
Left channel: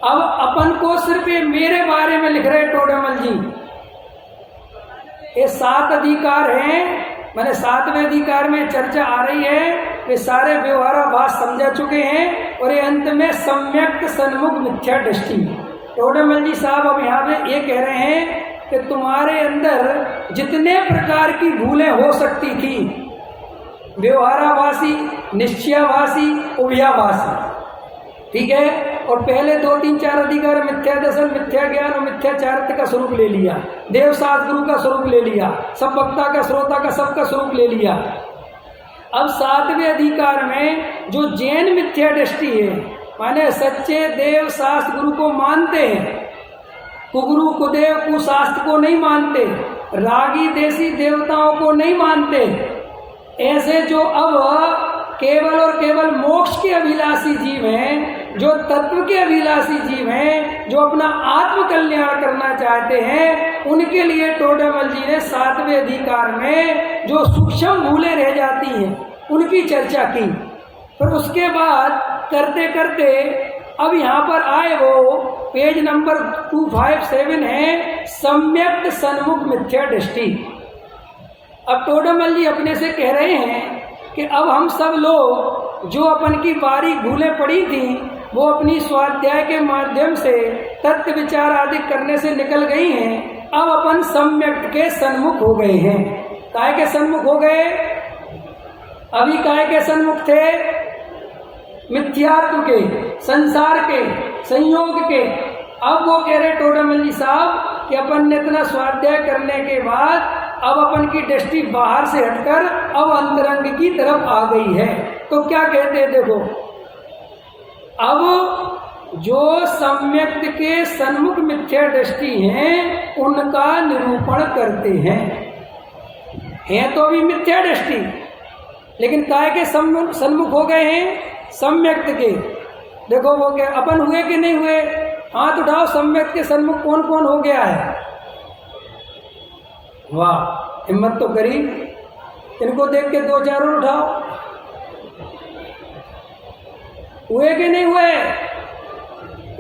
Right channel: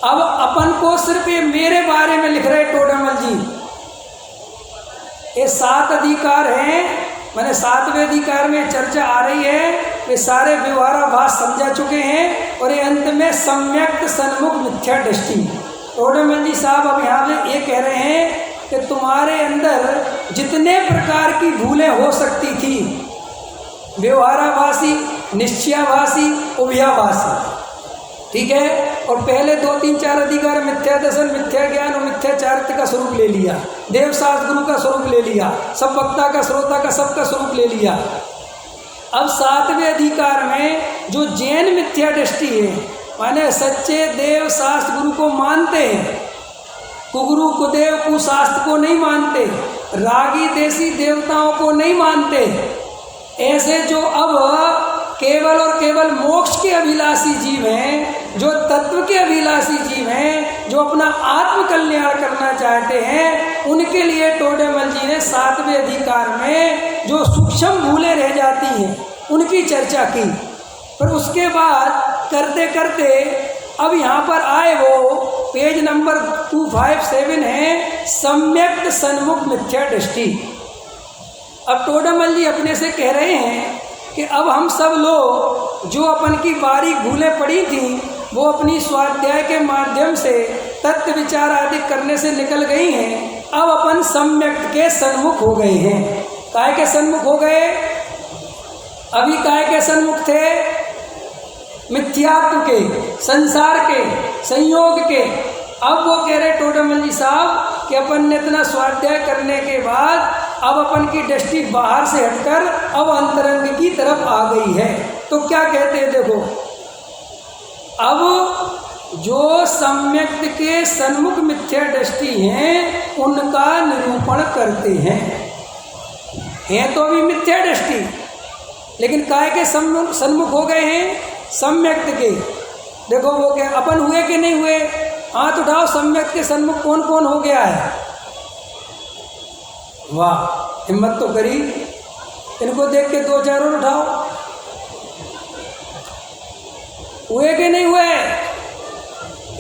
अब अपन को सिर्फ ये मेरे बारे में लिख रहे टोडरमल जी, ये 7 अधिकार हैं, मैंने 7वें अधिकार में चर्चा आ रही है, वे सारे व्यवहाराभास समझा चुके हैं और ये अंत में सम्यक सन्मुख मिथ्या दृष्टि। टोडरमल जी साहब अब यहाँ पे ये कह रहे हैं कि तुम्हारे अंदर जितने प्रकार की भूलें हो सकती थी, व्यवहाराभासी, निश्चयाभासी, उभयाभासी, ठीक है। और पहले 2, 3, 4 अधिकार मिथ्या दर्शन, मिथ्या ज्ञान और मिथ्या चारित्र का स्वरूप ले लिया, देवशास्त्र गुरु का स्वरूप ले लिया, सब वक्ता का, श्रोता का, सबका स्वरूप ले लिया। अब 7वें अधिकार में जो जैन मिथ्या दृष्टि है, माने सच्चे देव शास्त्र गुरु को मानते हैं, कुगुरु कुदेव कुशास्त्र को नहीं मानते, रागी देसी देवताओं को नहीं मानते, ऐसे जो अब केवल और केवल मोक्ष के अभिलाषी जीव हैं, जो तत्व के अभिलाषी जीव हैं, जो अपना आत्म कल्याण करना चाहते हैं, उनके लिए टोडरमल जी ने 7वें अधिकार में जो सूक्ष्म भूलें रह जाती हैं उनकी चर्चा की। पर उसके बाद करते करते अब यहाँ पर आए, वो पेज नंबर 257 है, सम्यक सन्मुख मिथ्या दृष्टि। अब टोडरमल जी अपने से कह रहे हैं कि अब हम सब लोग जो अपन की बारीक भूलें पड़ी थी, वो अपनी स्वाध्याय के माध्यम से तत्व विचार आदि करने से निकल गई हैं। अब अपन सम्यक के सन्मुख हो गए हैं। काय के सन्मुख हो गए? अभी काय के सन्मुख थे? मिथ्यात्व के, संसार के, संयोग के। अब वो कह रहे टोडरमल जी साहब कि अपन ने इतना स्वाध्याय करने के बाद अब अपन की दृष्टि बाहर से हटकर अब अंतरंग की तरफ आ गई है। तो क्या कहते हैं देखो, अब जो सम्यक के सन्मुख मिथ्या दृष्टि हैं उनका निरूपण करते हैं तो अभी मिथ्या दृष्टि, लेकिन काय के सन्मुख हो गए हैं? सम्यक के। देखो वो क्या अपन हुए कि नहीं हुए? हाथ उठाओ, सम्यक के सन्मुख कौन कौन हो गया है? वाह, हिम्मत तो करी। इनको देख के 2-4 और उठाओ। हुए कि नहीं हुए?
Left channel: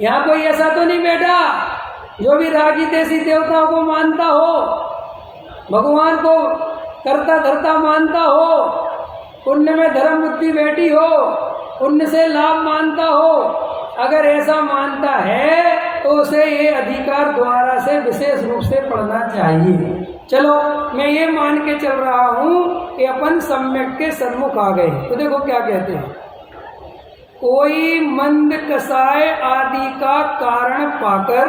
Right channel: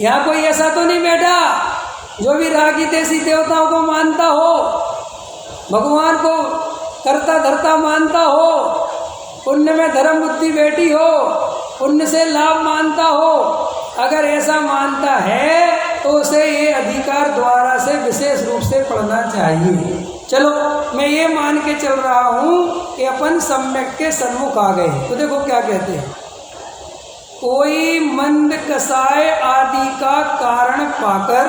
यहाँ कोई ऐसा तो नहीं बैठा जो भी रागी देसी देवताओं को मानता हो, भगवान को करता धरता मानता हो, पुण्य में धर्म बुद्धि बैठी हो, पुण्य से लाभ मानता हो। अगर ऐसा मानता है तो उसे ये अधिकार द्वारा से विशेष रूप से पढ़ना चाहिए। चलो मैं ये मान के चल रहा हूँ कि अपन सम्यक के सन्मुख आ गए। तो देखो क्या कहते हैं, कोई मंद कसाय आदि का कारण पाकर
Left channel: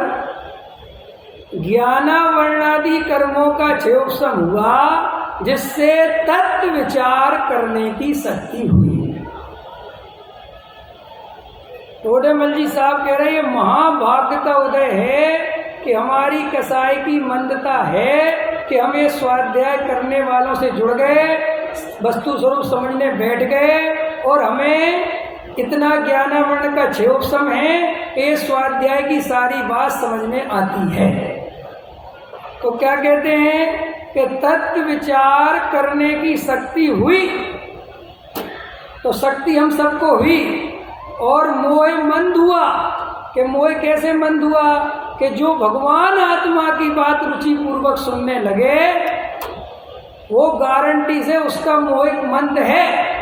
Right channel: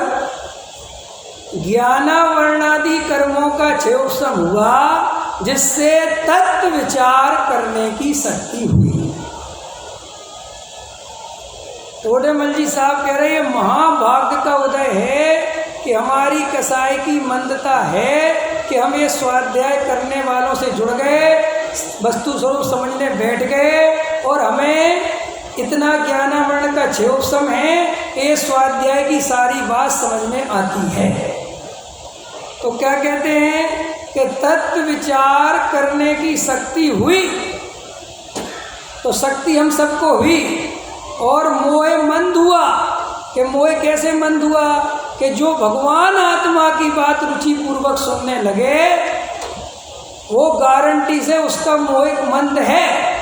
ज्ञानावर्णादि कर्मों का क्षयोपशम हुआ, जिससे तत्व विचार करने की शक्ति हुई। टोडरमल जी साहब कह रहे हैं महाभाग्य का उदय है कि हमारी कसाई की मंदता है कि हम ये स्वाध्याय करने वालों से जुड़ गए, वस्तु स्वरूप समझने बैठ गए और हमें इतना ज्ञानावरण का क्षयोपशम है, ये स्वाध्याय की सारी बात समझ में आती है। तो क्या कहते हैं कि तत्व विचार करने की शक्ति हुई। तो शक्ति हम सबको हुई और मोह मंद हुआ। कि मोह कैसे मंद हुआ? कि जो भगवान आत्मा की बात रुचि पूर्वक सुनने लगे, वो गारंटी से उसका मोह मंद है।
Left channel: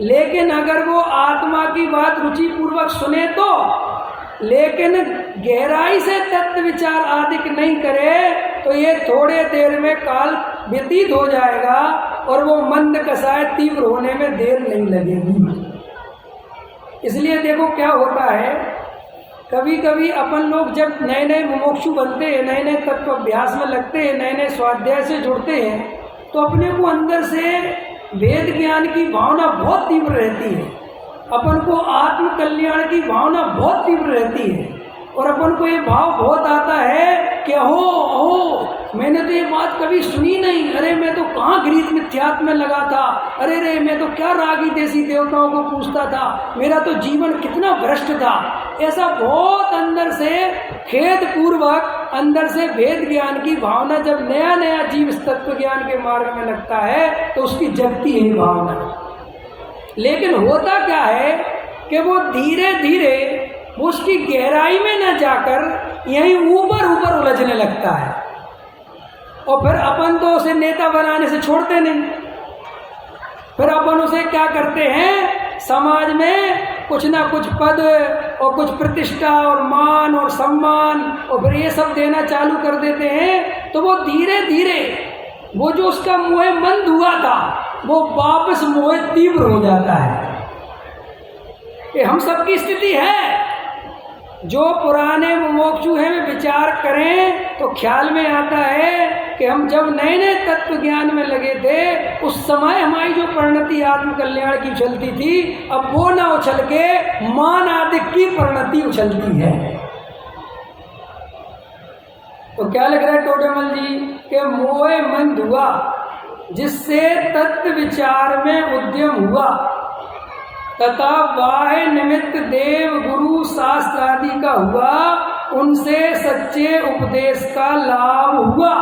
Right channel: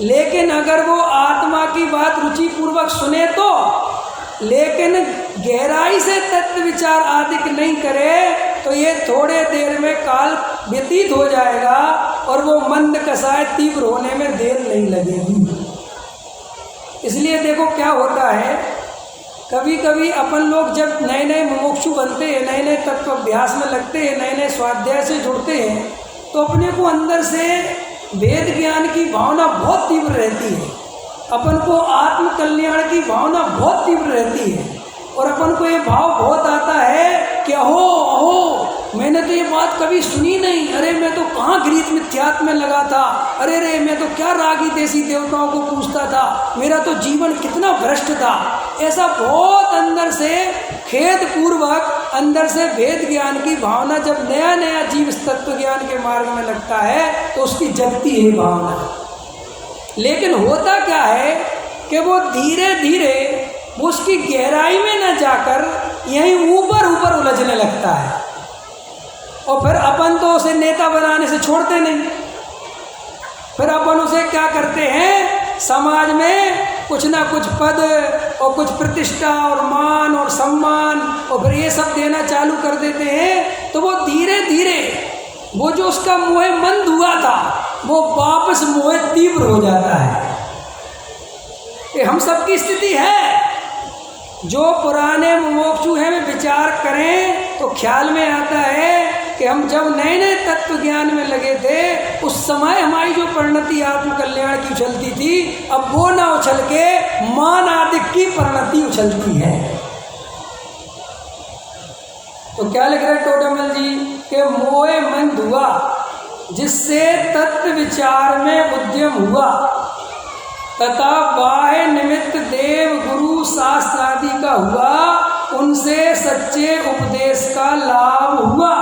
लेकिन अगर वो आत्मा की बात रुचि पूर्वक सुने तो, लेकिन गहराई से तत्व विचार आदि नहीं करे, तो ये थोड़े देर में काल व्यतीत हो जाएगा और वो मंद कसाय तीव्र होने में देर नहीं लगेगी। इसलिए देखो क्या होता है, कभी कभी अपन लोग जब नए नए मुमुक्षु बनते हैं, नए नए तत्व अभ्यास में लगते हैं, नए नए स्वाध्याय से जुड़ते हैं, तो अपने को अंदर से वेद ज्ञान की भावना बहुत तीव्र रहती है, अपन को आत्म कल्याण की भावना बहुत तीव्र रहती है और अपन को ये भाव बहुत आता है कि अहो मैंने तो ये बात कभी सुनी नहीं, अरे मैं तो कहाँ घृत मिथ्यात्व में लगा था, अरे रे मैं तो क्या रागी देसी देवताओं को पूछता था, मेरा तो जीवन कितना भ्रष्ट था। ऐसा बहुत अंदर से खेद पूर्वक, अंदर से भेद ज्ञान की भावना जब नया नया जीव तत्व ज्ञान के मार्ग में लगता है तो उसकी जगती है भावना। लेकिन होता क्या है कि वो धीरे धीरे वो उसकी गहराई में न जाकर यहीं ऊपर ऊपर उलझने लगता है, और फिर अपन तो उसे नेता बनाने से छोड़ते नहीं। फिर अपन उसे क्या करते हैं, समाज में कुछ ना कुछ पद और कुछ प्रतिष्ठा और मान और सम्मान और फिर ये सब देना चालू कर देते हैं। तो वो धीरे धीरे वो जो उसका मोह मंद हुआ था वो वापस मोह तीव्र हो जाता है। ये हम सबकी स्थिति है। जो पुराने मुमुक्षु हैं वे विचार करें तो ख्याल में आता है कि हम जब नए नए तत्व ज्ञान में लगे थे उस समय हमारी जो परिणति आत्मकल्याण की उछलती थी, अब वो ना उछल के मान आदि की परिणति उछलती है। तो क्या लिख रहे हैं टोडेमल जी के मोह मंद हुआ जिससे तत्व विचार में उद्यम हुआ, तथा बाह्य निमित्त देव गुरु शास्त्र आदि का हुआ, उनसे सच्चे उपदेश का लाभ हुआ।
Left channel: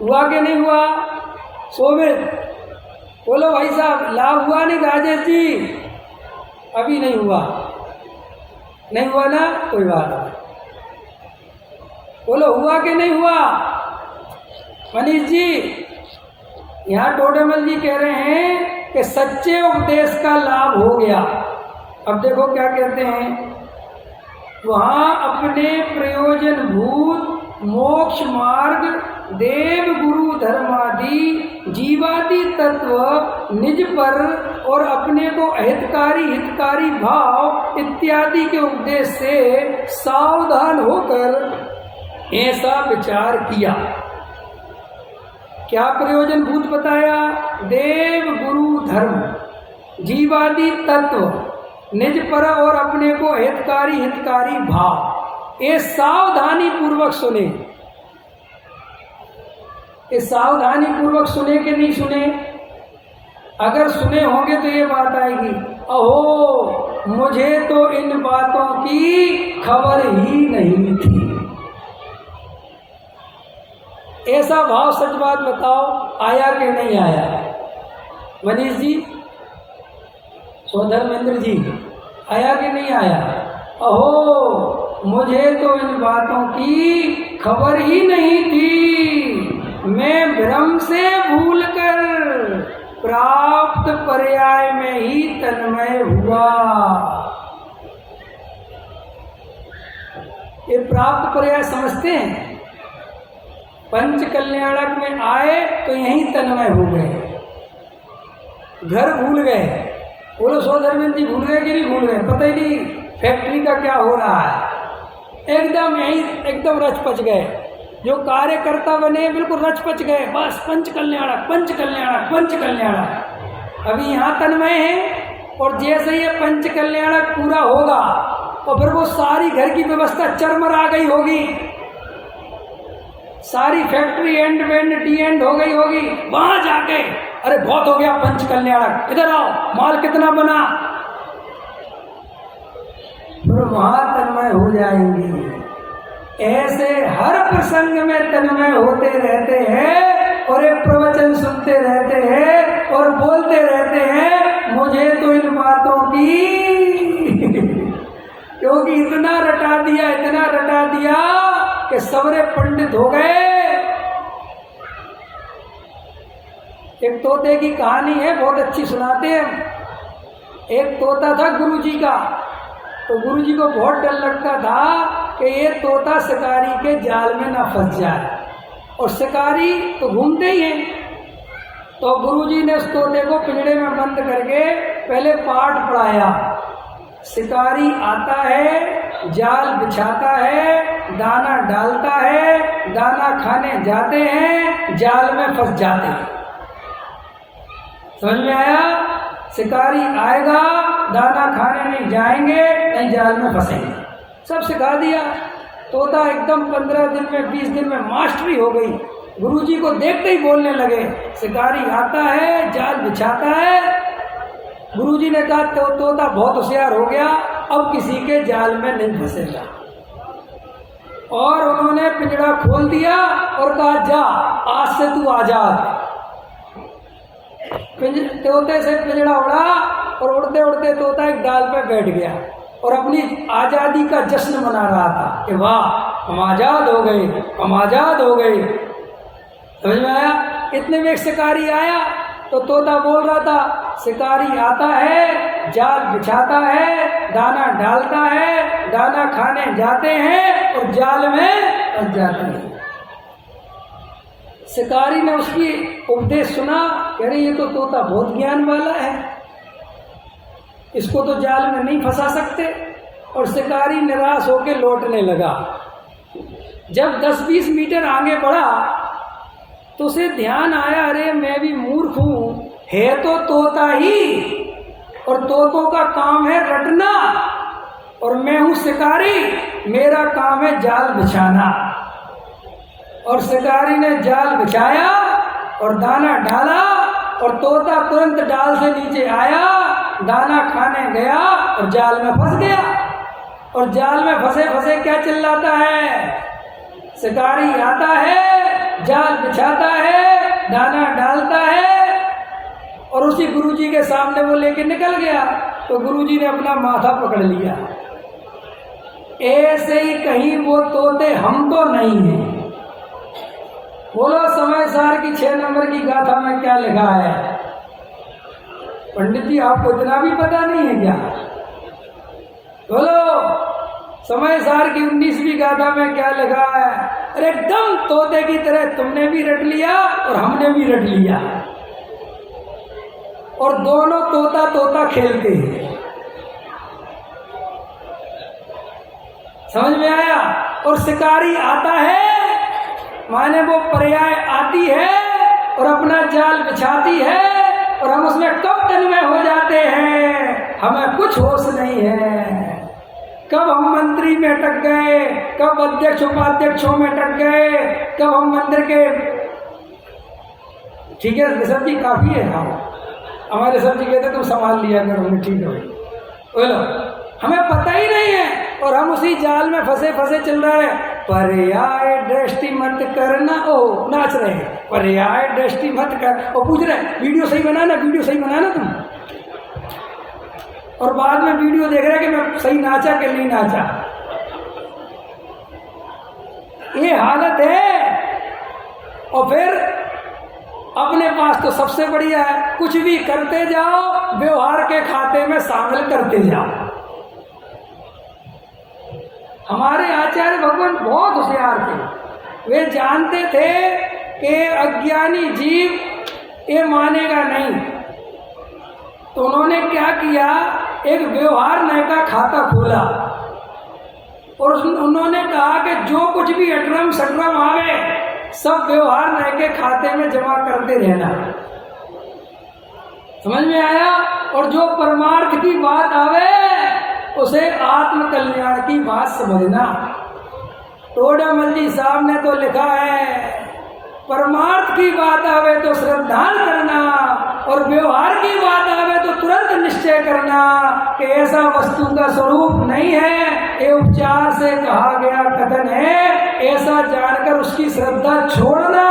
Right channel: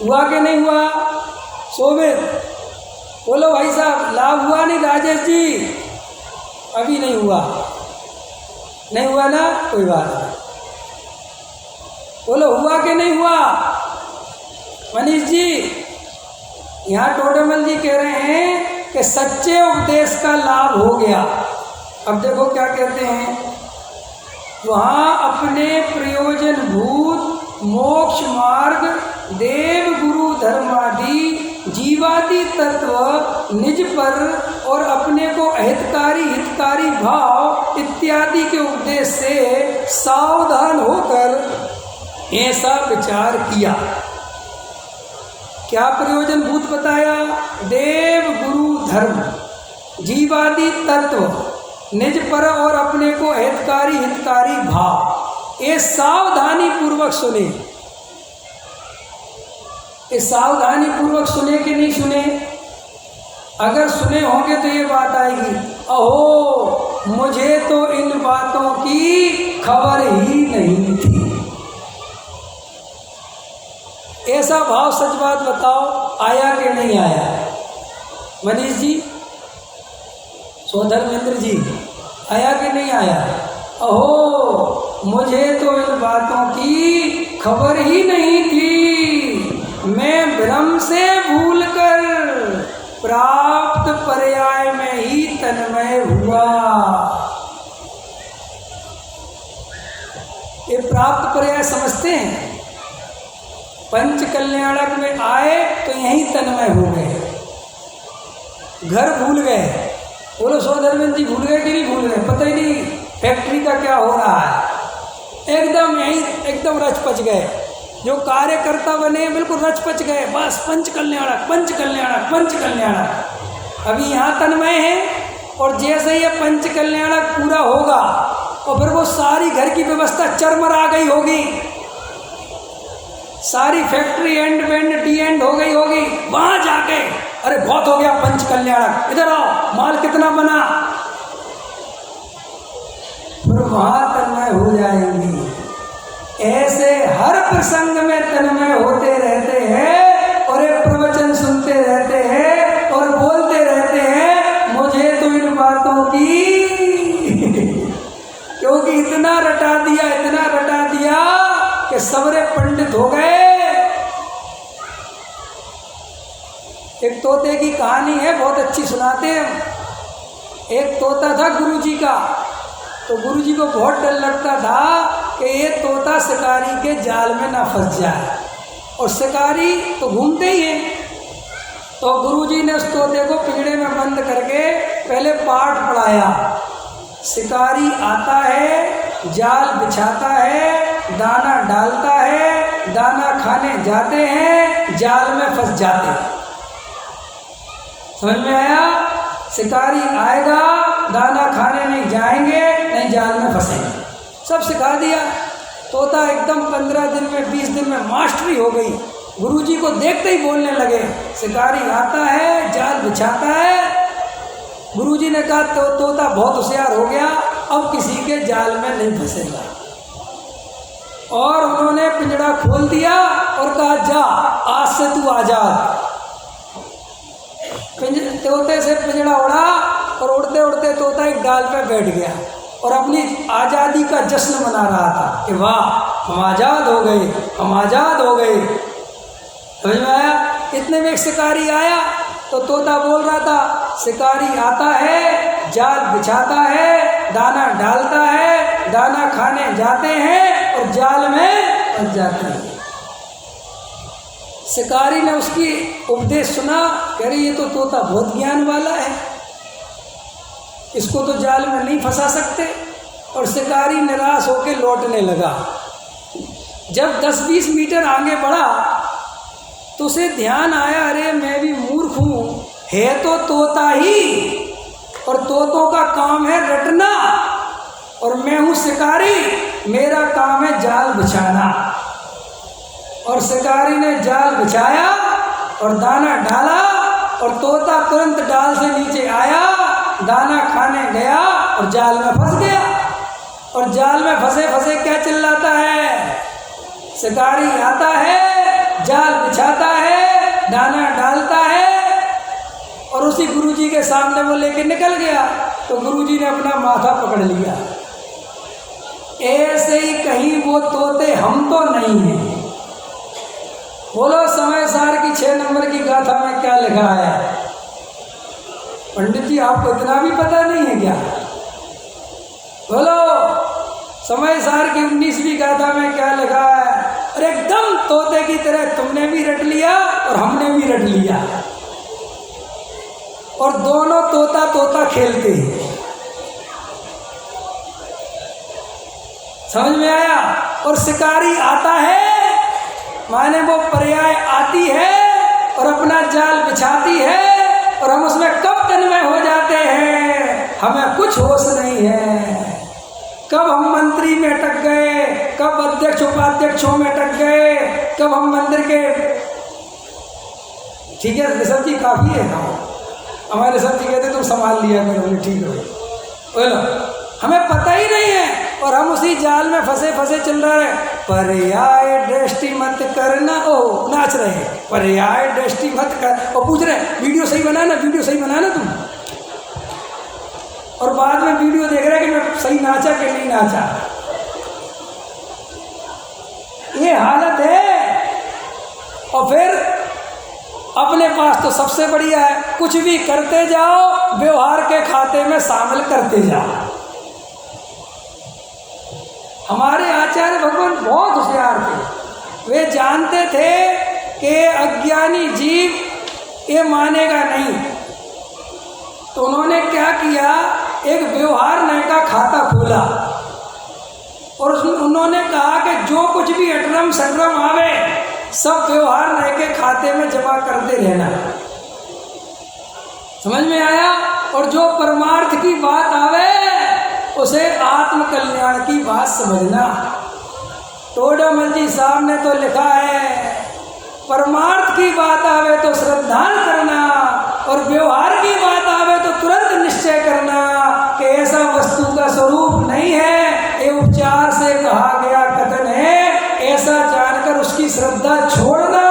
हुआ कि नहीं हुआ शोभित? बोलो भाई साहब, लाभ हुआ नहीं? राजेश जी अभी नहीं हुआ, नहीं हुआ ना, कोई बात नहीं। बोलो हुआ कि नहीं हुआ? मनीष जी, यहाँ टोडेमल जी कह रहे हैं कि सच्चे उपदेश का लाभ हो गया। अब देखो क्या कहते हैं, वहाँ अपने प्रयोजन भूत मोक्ष मार्ग देव गुरु धर्मादि जीवादि तत्व निज पर और अपने को अहितकारी हितकारी भाव इत्यादि के उपदेश से सावधान होकर ऐसा विचार किया। क्या प्रयोजन भूत बताया? देव गुरु धर्म जीवादि तत्व निज पर और अपने को हितकारी हितकारी भाव, ये सावधानी पूर्वक सुने। ये सावधानी पूर्वक सुने कि नहीं सुने? अगर सुने होंगे तो ये बात आएगी, अहो मुझे तो इन बातों की खबर ही नहीं थी। ऐसा भाव सच बात बताओ आया कि नहीं आया? मनीष जी, सोधर्मेंद्र जी, आया कि नहीं आया? अहो मुझे तो इन बातों की खबर ही नहीं थी, मैं भ्रम से भूलकर प्राप्त पर्याय में ही तन्मय हुआ। ये प्राप्त पर्याय समझते हैं? पंच कल्याणक में आए तो यहीं तन्मय हो गए, घर भूल गए। बोलो सोधर्मेंद्र जी, भूल गए कि नहीं भूल गए? पता ही नहीं फैक्ट्री का क्या हो रहा है, एकदम यहीं एकदम रच पच गए। जो कार्यकर्ता बने बिल्कुल रच पच गए, बस पंच कल्याणक पंच कल्याणक पंच कल्याणक। अभी यहाँ तन्मय है और जैसे ही ये पंच कल्याणक पूरा होगा और फिर वो सारी घर की व्यवस्था चरमरा गई होगी, सारी फैक्ट्री एंड वेंड डी एंड हो गई होगी, वहां जाके अरे बहुत हो गया पंच कल्याणक, इधर आओ माल कितना बना, फिर वहां तन्मय हो जाएंगी। ऐसे हर प्रसंग में तन्मय होते रहते हैं और एक प्रवचन सुनते रहते हैं और बोलते रहते हैं मुझे तो इन बातों की क्योंकि इतना रटा दिया कि सबरे पंडित हो गए। एक तोते की कहानी है, बहुत अच्छी सुनाते हैं हम। एक तोता था गुरुजी का, तो गुरुजी को बहुत डर लगता था कि ये तोता शिकारी के जाल में ना फंस जाए, और शिकारी तो घूमते ही हैं। तो गुरुजी ने उस तोते को पिंजड़े में बंद करके पहले पाठ पढ़ाया। शिकारी आता है, जाल बिछाता है, दाना डालता है, दाना खाने जाते हैं, जाल में फंस जाते हैं। समझ में आया? शिकारी आएगा, दाना खाने नहीं जाएंगे, नहीं जाल में फंसेंगे। सब सिखा दिया। तोता एकदम 15 दिन में 20 दिन में मास्टरी हो गई। गुरुजी को देखते ही बोलने लगे, शिकारी आता है, जाल बिछाता है। गुरुजी ने कहा तो तोता बहुत होशियार हो गया, अब किसी के जाल में नहीं फंसेगा। और उन्होंने पिंजड़ा खोल दिया और कहा जा आज से तू आज़ाद। तोते से पिंजड़ा उड़ा और उड़ते उड़ते तोता एक डाल पे बैठ गया और अपनी आज़ादी का जश्न मना रहा था कि वाह हम आज़ाद हो गए, हम आज़ाद हो गए। समझ में आया? इतने में एक शिकारी आया तो तोता बोल रहा था, शिकारी आता है, जाल बिछाता है, दाना डालता है, दाना खाने जाते हैं और जाल में फंस जाते हैं। शिकारी ने उसकी उपदेश सुना, कह रही ये तो तोता बहुत ज्ञान वाला है, इसको तो जाल में नहीं फंसा सकते। और शिकारी निराश होकर लौटने लगा। जब 10-20 मीटर आगे बढ़ा तो उसे ध्यान आया, अरे मैं भी मूर्ख हूँ, है तो तोता ही और तोतों का काम है रटना और मैं हूँ शिकारी, मेरा काम है जाल बिछाना। और शिकारी ने जाल बिछाया और दाना डाला और तोता तुरंत डाल से नीचे आया, दाना खाने गया और जाल में फंस गया। और जाल में फंसे फंसे क्या चिल्लाता है, शिकारी आता है, जाल बिछाता है, दाना डालता है। और उसी गुरुजी के सामने वो लेके निकल गया तो गुरुजी ने अपना माथा पकड़ लिया। ऐसे ही कहीं वो तोते हम तो नहीं हैं। बोलो समय सार की 6 नंबर की गाथा में क्या लिखा है? पंडित जी आपको इतना भी पता नहीं है क्या? बोलो समय सार की 19वीं गाथा में क्या लिखा है? अरे एकदम तोते की तरह तुमने भी रट लिया और हमने भी रट लिया और दोनों तोता तोता खेलते हैं। समझ में आया? और शिकारी आता है माने वो पर्याय आती है और अपना जाल बिछाती है और हम उसमें कब तन्मय हो जाते हैं हमें कुछ होश नहीं है। कब हम मंत्री में अटक गए, कब अध्यक्ष उपाध्यक्षों में अटक गए, कब हम मंदिर के, ठीक है ऋषभ जी काफ़ी है, हमारे ऋषभ जी कहते तुम संभाल लिया करो, ठीक है बोलो, हमें पता ही नहीं है और हम उसी जाल में फंसे फंसे चल रहे हैं। पर्याय दृष्टि मत करना, ओ नाच रहे हैं, पर्याय दृष्टि मत कर, और पूछ रहे वीडियो सही बनाना, वीडियो सही बनाना तुम, और बाद में वीडियो देख रहे कि मैं सही नाचा कि नहीं नाचा। ये हालत है। और फिर अपने पास तो सबसे बढ़िया है, कुछ भी करते जाओ व्यवहार के खाते में शामिल करते जाओ। हमारे आचार्य भगवान बहुत होशियार थे, वे जानते थे कि अज्ञानी जीव ये मानेगा नहीं, तो उन्होंने क्या किया, एक व्यवहार नय का खाता खोला और उन्होंने कहा कि जो कुछ भी अटरम सटरम आवे सब व्यवहार नय के खाते में जमा करते रहना। समझ में आया? और जो परमार्थ की बात आवे उसे आत्म कल्याण की बात समझना। टोडामल जी साहब ने तो लिखा है, परमार्थ की बात आवे तो श्रद्धान करना और व्यवहार की बात आवे तो तुरंत निश्चय करना कि ऐसा वस्तु का स्वरूप नहीं है, ये उपचार से कहा गया कथन है, ऐसा जानकर उसकी श्रद्धा छोड़ना।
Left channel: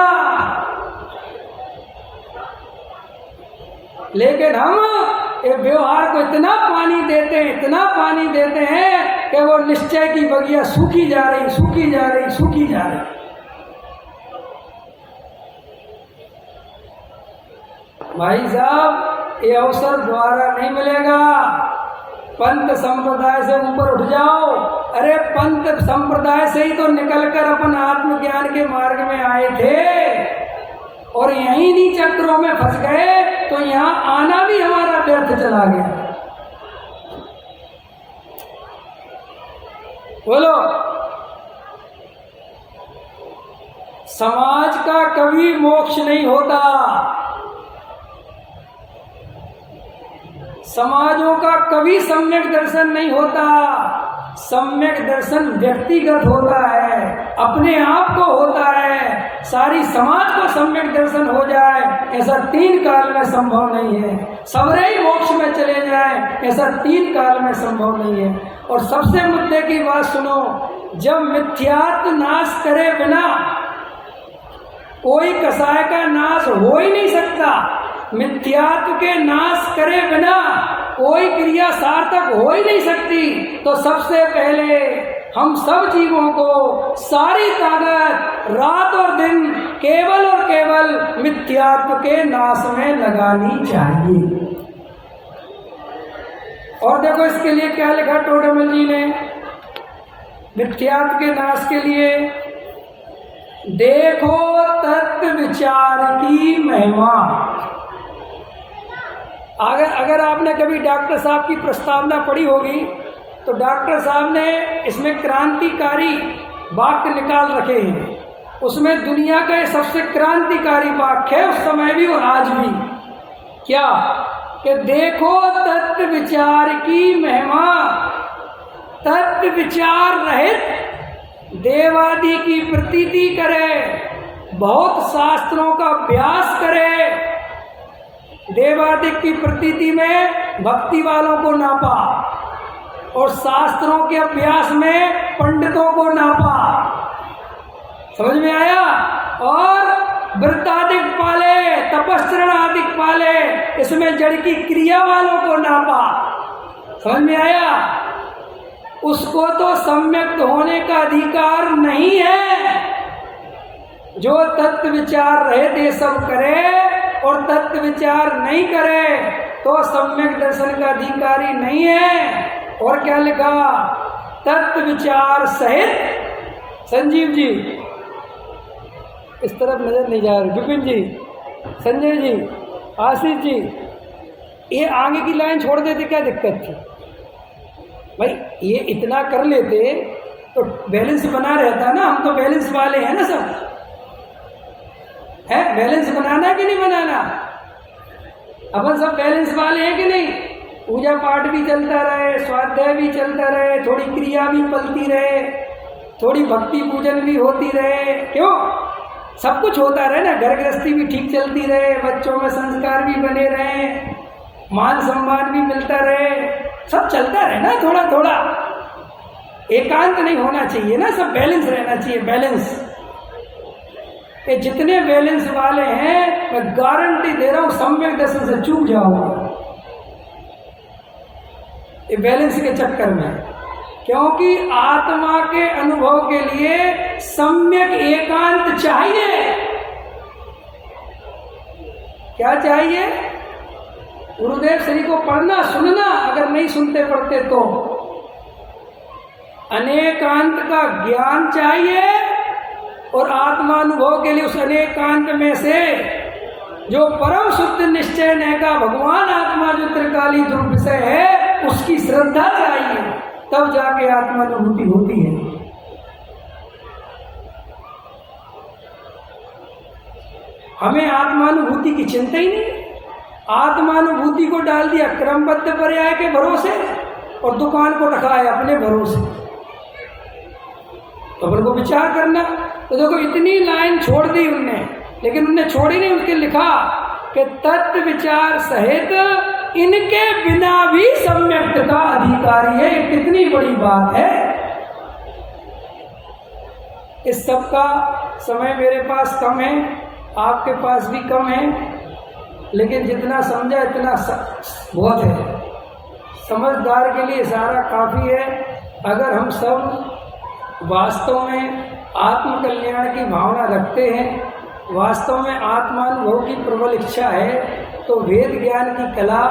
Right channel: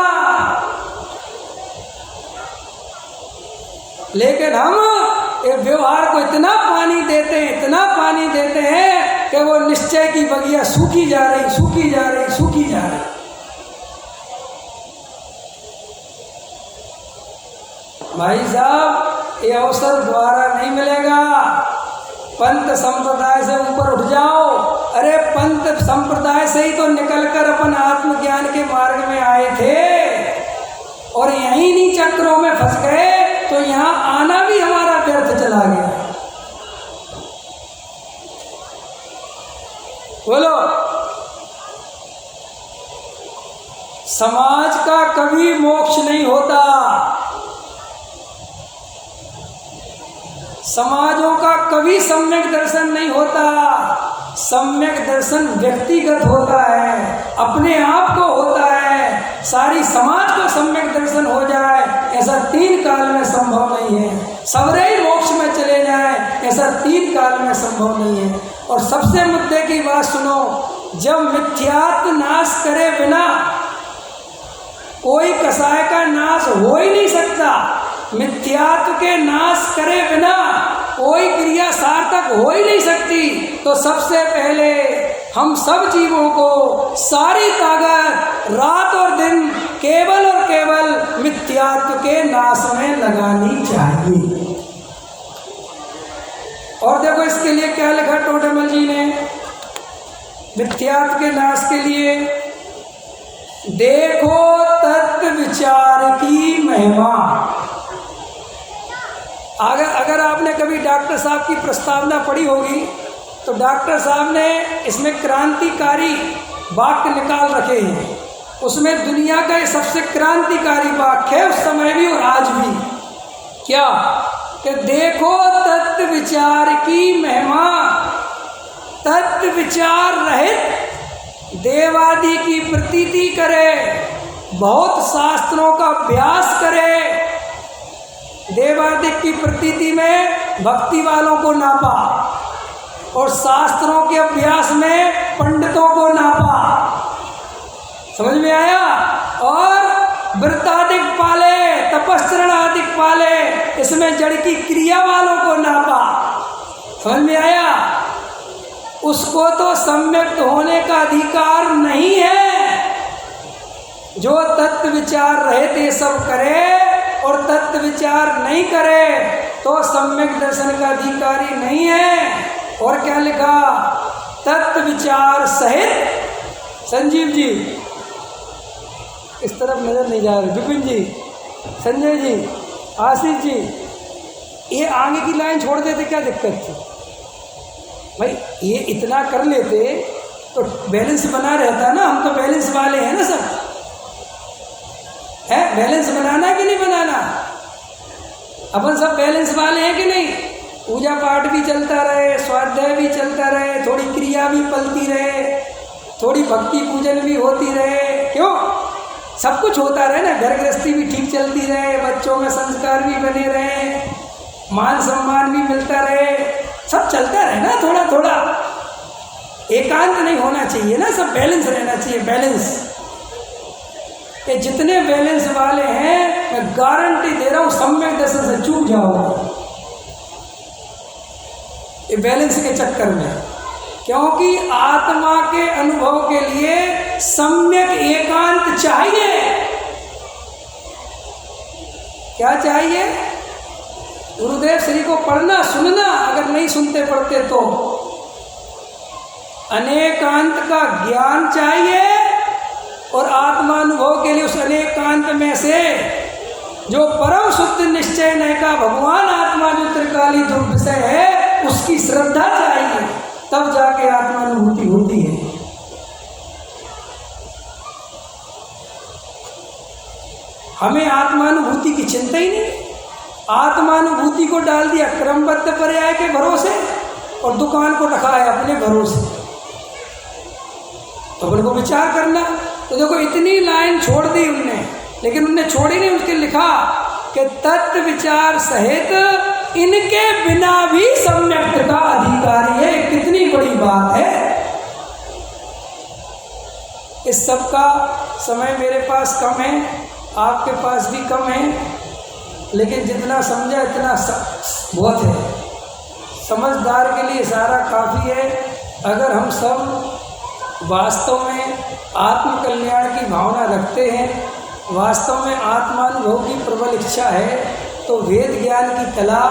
लेकिन हम ये व्यवहार को इतना पानी देते हैं, इतना पानी देते हैं कि वो निश्चय की बगिया सूखी जा रही, सूखी जा रही, सूखी जा रही। भाई साहब ये अवसर द्वारा नहीं मिलेगा, पंथ संप्रदाय से ऊपर उठ जाओ। अरे पंथ संप्रदाय से ही तो निकलकर अपन आत्मज्ञान के मार्ग में आए थे और यहीं नहीं चक्रों में फंस गए, तो यहाँ आना भी हमारा व्यर्थ चला गया। बोलो, समाज का कभी मोक्ष नहीं होता, समाजों का कभी सम्यक दर्शन नहीं होता, सम्यक दर्शन व्यक्तिगत होता है, अपने आप को होता है। सारी समाज को सम्यक दर्शन हो जाए ऐसा 3 काल में संभव नहीं है। सबरे ही मोक्ष में चले जाए ऐसा 3 काल में संभव नहीं है। और सबसे मुद्दे की बात सुनो, जब मिथ्यात्व नाश करे बिना कोई कसाय का नाश हो ही नहीं सकता। मिथ्यात्व के नाश करे बिना कोई क्रिया सार्थक हो ही नहीं सकती। तो सबसे पहले हम सब जीवों को सारी ताकत रात और दिन केवल और केवल मिथ्यात्व के नाश में लगानी चाहिए। और देखो इसके लिए क्या लिखा टोडरमल जी ने, मिथ्यात्व के नाश के लिए, देखो तत्व विचार की महिमा। अगर आपने कभी डॉक्टर साहब की प्रस्तावना पढ़ी होगी तो डॉक्टर साहब ने इसमें क्रांतिकारी वाक्य निकाल रखे हैं। उसमें दुनिया का ये सबसे क्रांतिकारी वाक्य है उस समय भी और आज भी। क्या कि देखो तत्व विचार की महिमा। तत्व विचार रहित देवादि की प्रतीति करे, बहुत शास्त्रों का अभ्यास करे। देवादि की प्रतीति में भक्ति वालों को नापा और शास्त्रों के अभ्यास में पंडितों को नापा। समझ में आया? और व्रतादिक पाले, तपस्चरण आदि पाले, इसमें जड़ की क्रिया वालों को नापा। समझ में आया? उसको तो सम्यक होने का अधिकार नहीं है। जो तत्व विचार रहित ये सब करे और तत्व विचार नहीं करे तो सम्यक दर्शन का अधिकारी नहीं है। और क्या लिखा? तत्व विचार सहित, संजीव जी इस तरफ नजर नहीं जा रही, विपिन जी, संजय जी, आशीष जी, ये आगे की लाइन छोड़ देते क्या दिक्कत थी भाई? ये इतना कर लेते तो बैलेंस बना रहता ना। हम तो बैलेंस वाले हैं ना सब, है बैलेंस बनाना कि नहीं बनाना? अपन सब बैलेंस वाले हैं कि नहीं? पूजा पाठ भी चलता रहे, स्वाध्याय भी चलता रहे, थोड़ी क्रिया भी पलती रहे, थोड़ी भक्ति पूजन भी होती रहे। क्यों? सब कुछ होता रहे ना। घर गृहस्थी भी ठीक चलती रहे, बच्चों में संस्कार भी बने रहे, मान सम्मान भी मिलता रहे, सब चलता रहे ना। थोड़ा थोड़ा एकांत नहीं होना चाहिए ना, सब बैलेंस रहना चाहिए। बैलेंस, ये जितने बैलेंस वाले हैं मैं गारंटी दे रहा हूँ सम्यक दर्शन से चूक जाओगे ये बैलेंस के चक्कर में। क्योंकि आत्मा के अनुभव के लिए सम्यक एकांत चाहिए। क्या चाहिए? गुरुदेव श्री को पढ़ना सुनना, अगर नहीं सुनते पढ़ते तो अनेकांत का ज्ञान चाहिए। और आत्मानुभव के लिए उस अनेकांत में से जो परम शुद्ध निश्चय नय का भगवान आत्मा जो त्रिकाली ध्रुव विषय है उसकी श्रद्धा चाहिए, तब जाके आत्मानुभूति होती है। हमें आत्मानुभूति की चिंता ही नहीं। आत्मानुभूति को डाल दिया क्रमबद्ध पर्याय के भरोसे और दुकान को रखा है अपने भरोसे। तो अपन को विचार करना। तो देखो इतनी लाइन छोड़ दी उनने, लेकिन उनने छोड़ी नहीं, उसके लिखा कि तत्व विचार सहित इनके बिना भी सम्यक का अधिकारी है। कितनी बड़ी बात है। इस सब का समय मेरे पास कम है, आपके पास भी कम है, लेकिन जितना समझा इतना बहुत है। समझदार के लिए सारा काफ़ी है। अगर हम सब वास्तव में आत्म कल्याण की भावना रखते हैं, वास्तव में आत्मानुभव की प्रबल इच्छा है, तो वेद ज्ञान की कला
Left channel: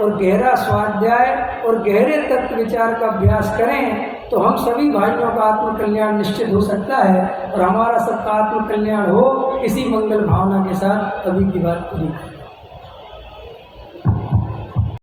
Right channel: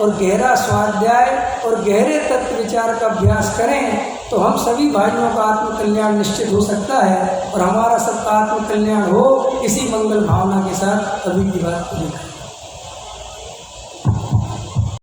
और गहरा स्वाध्याय और गहरे तत्व विचार का अभ्यास करें तो हम सभी भाइयों का आत्म कल्याण निश्चित हो सकता है। और हमारा सबका आत्म कल्याण हो, इसी मंगल भावना के साथ अभी की बात पूरी करें।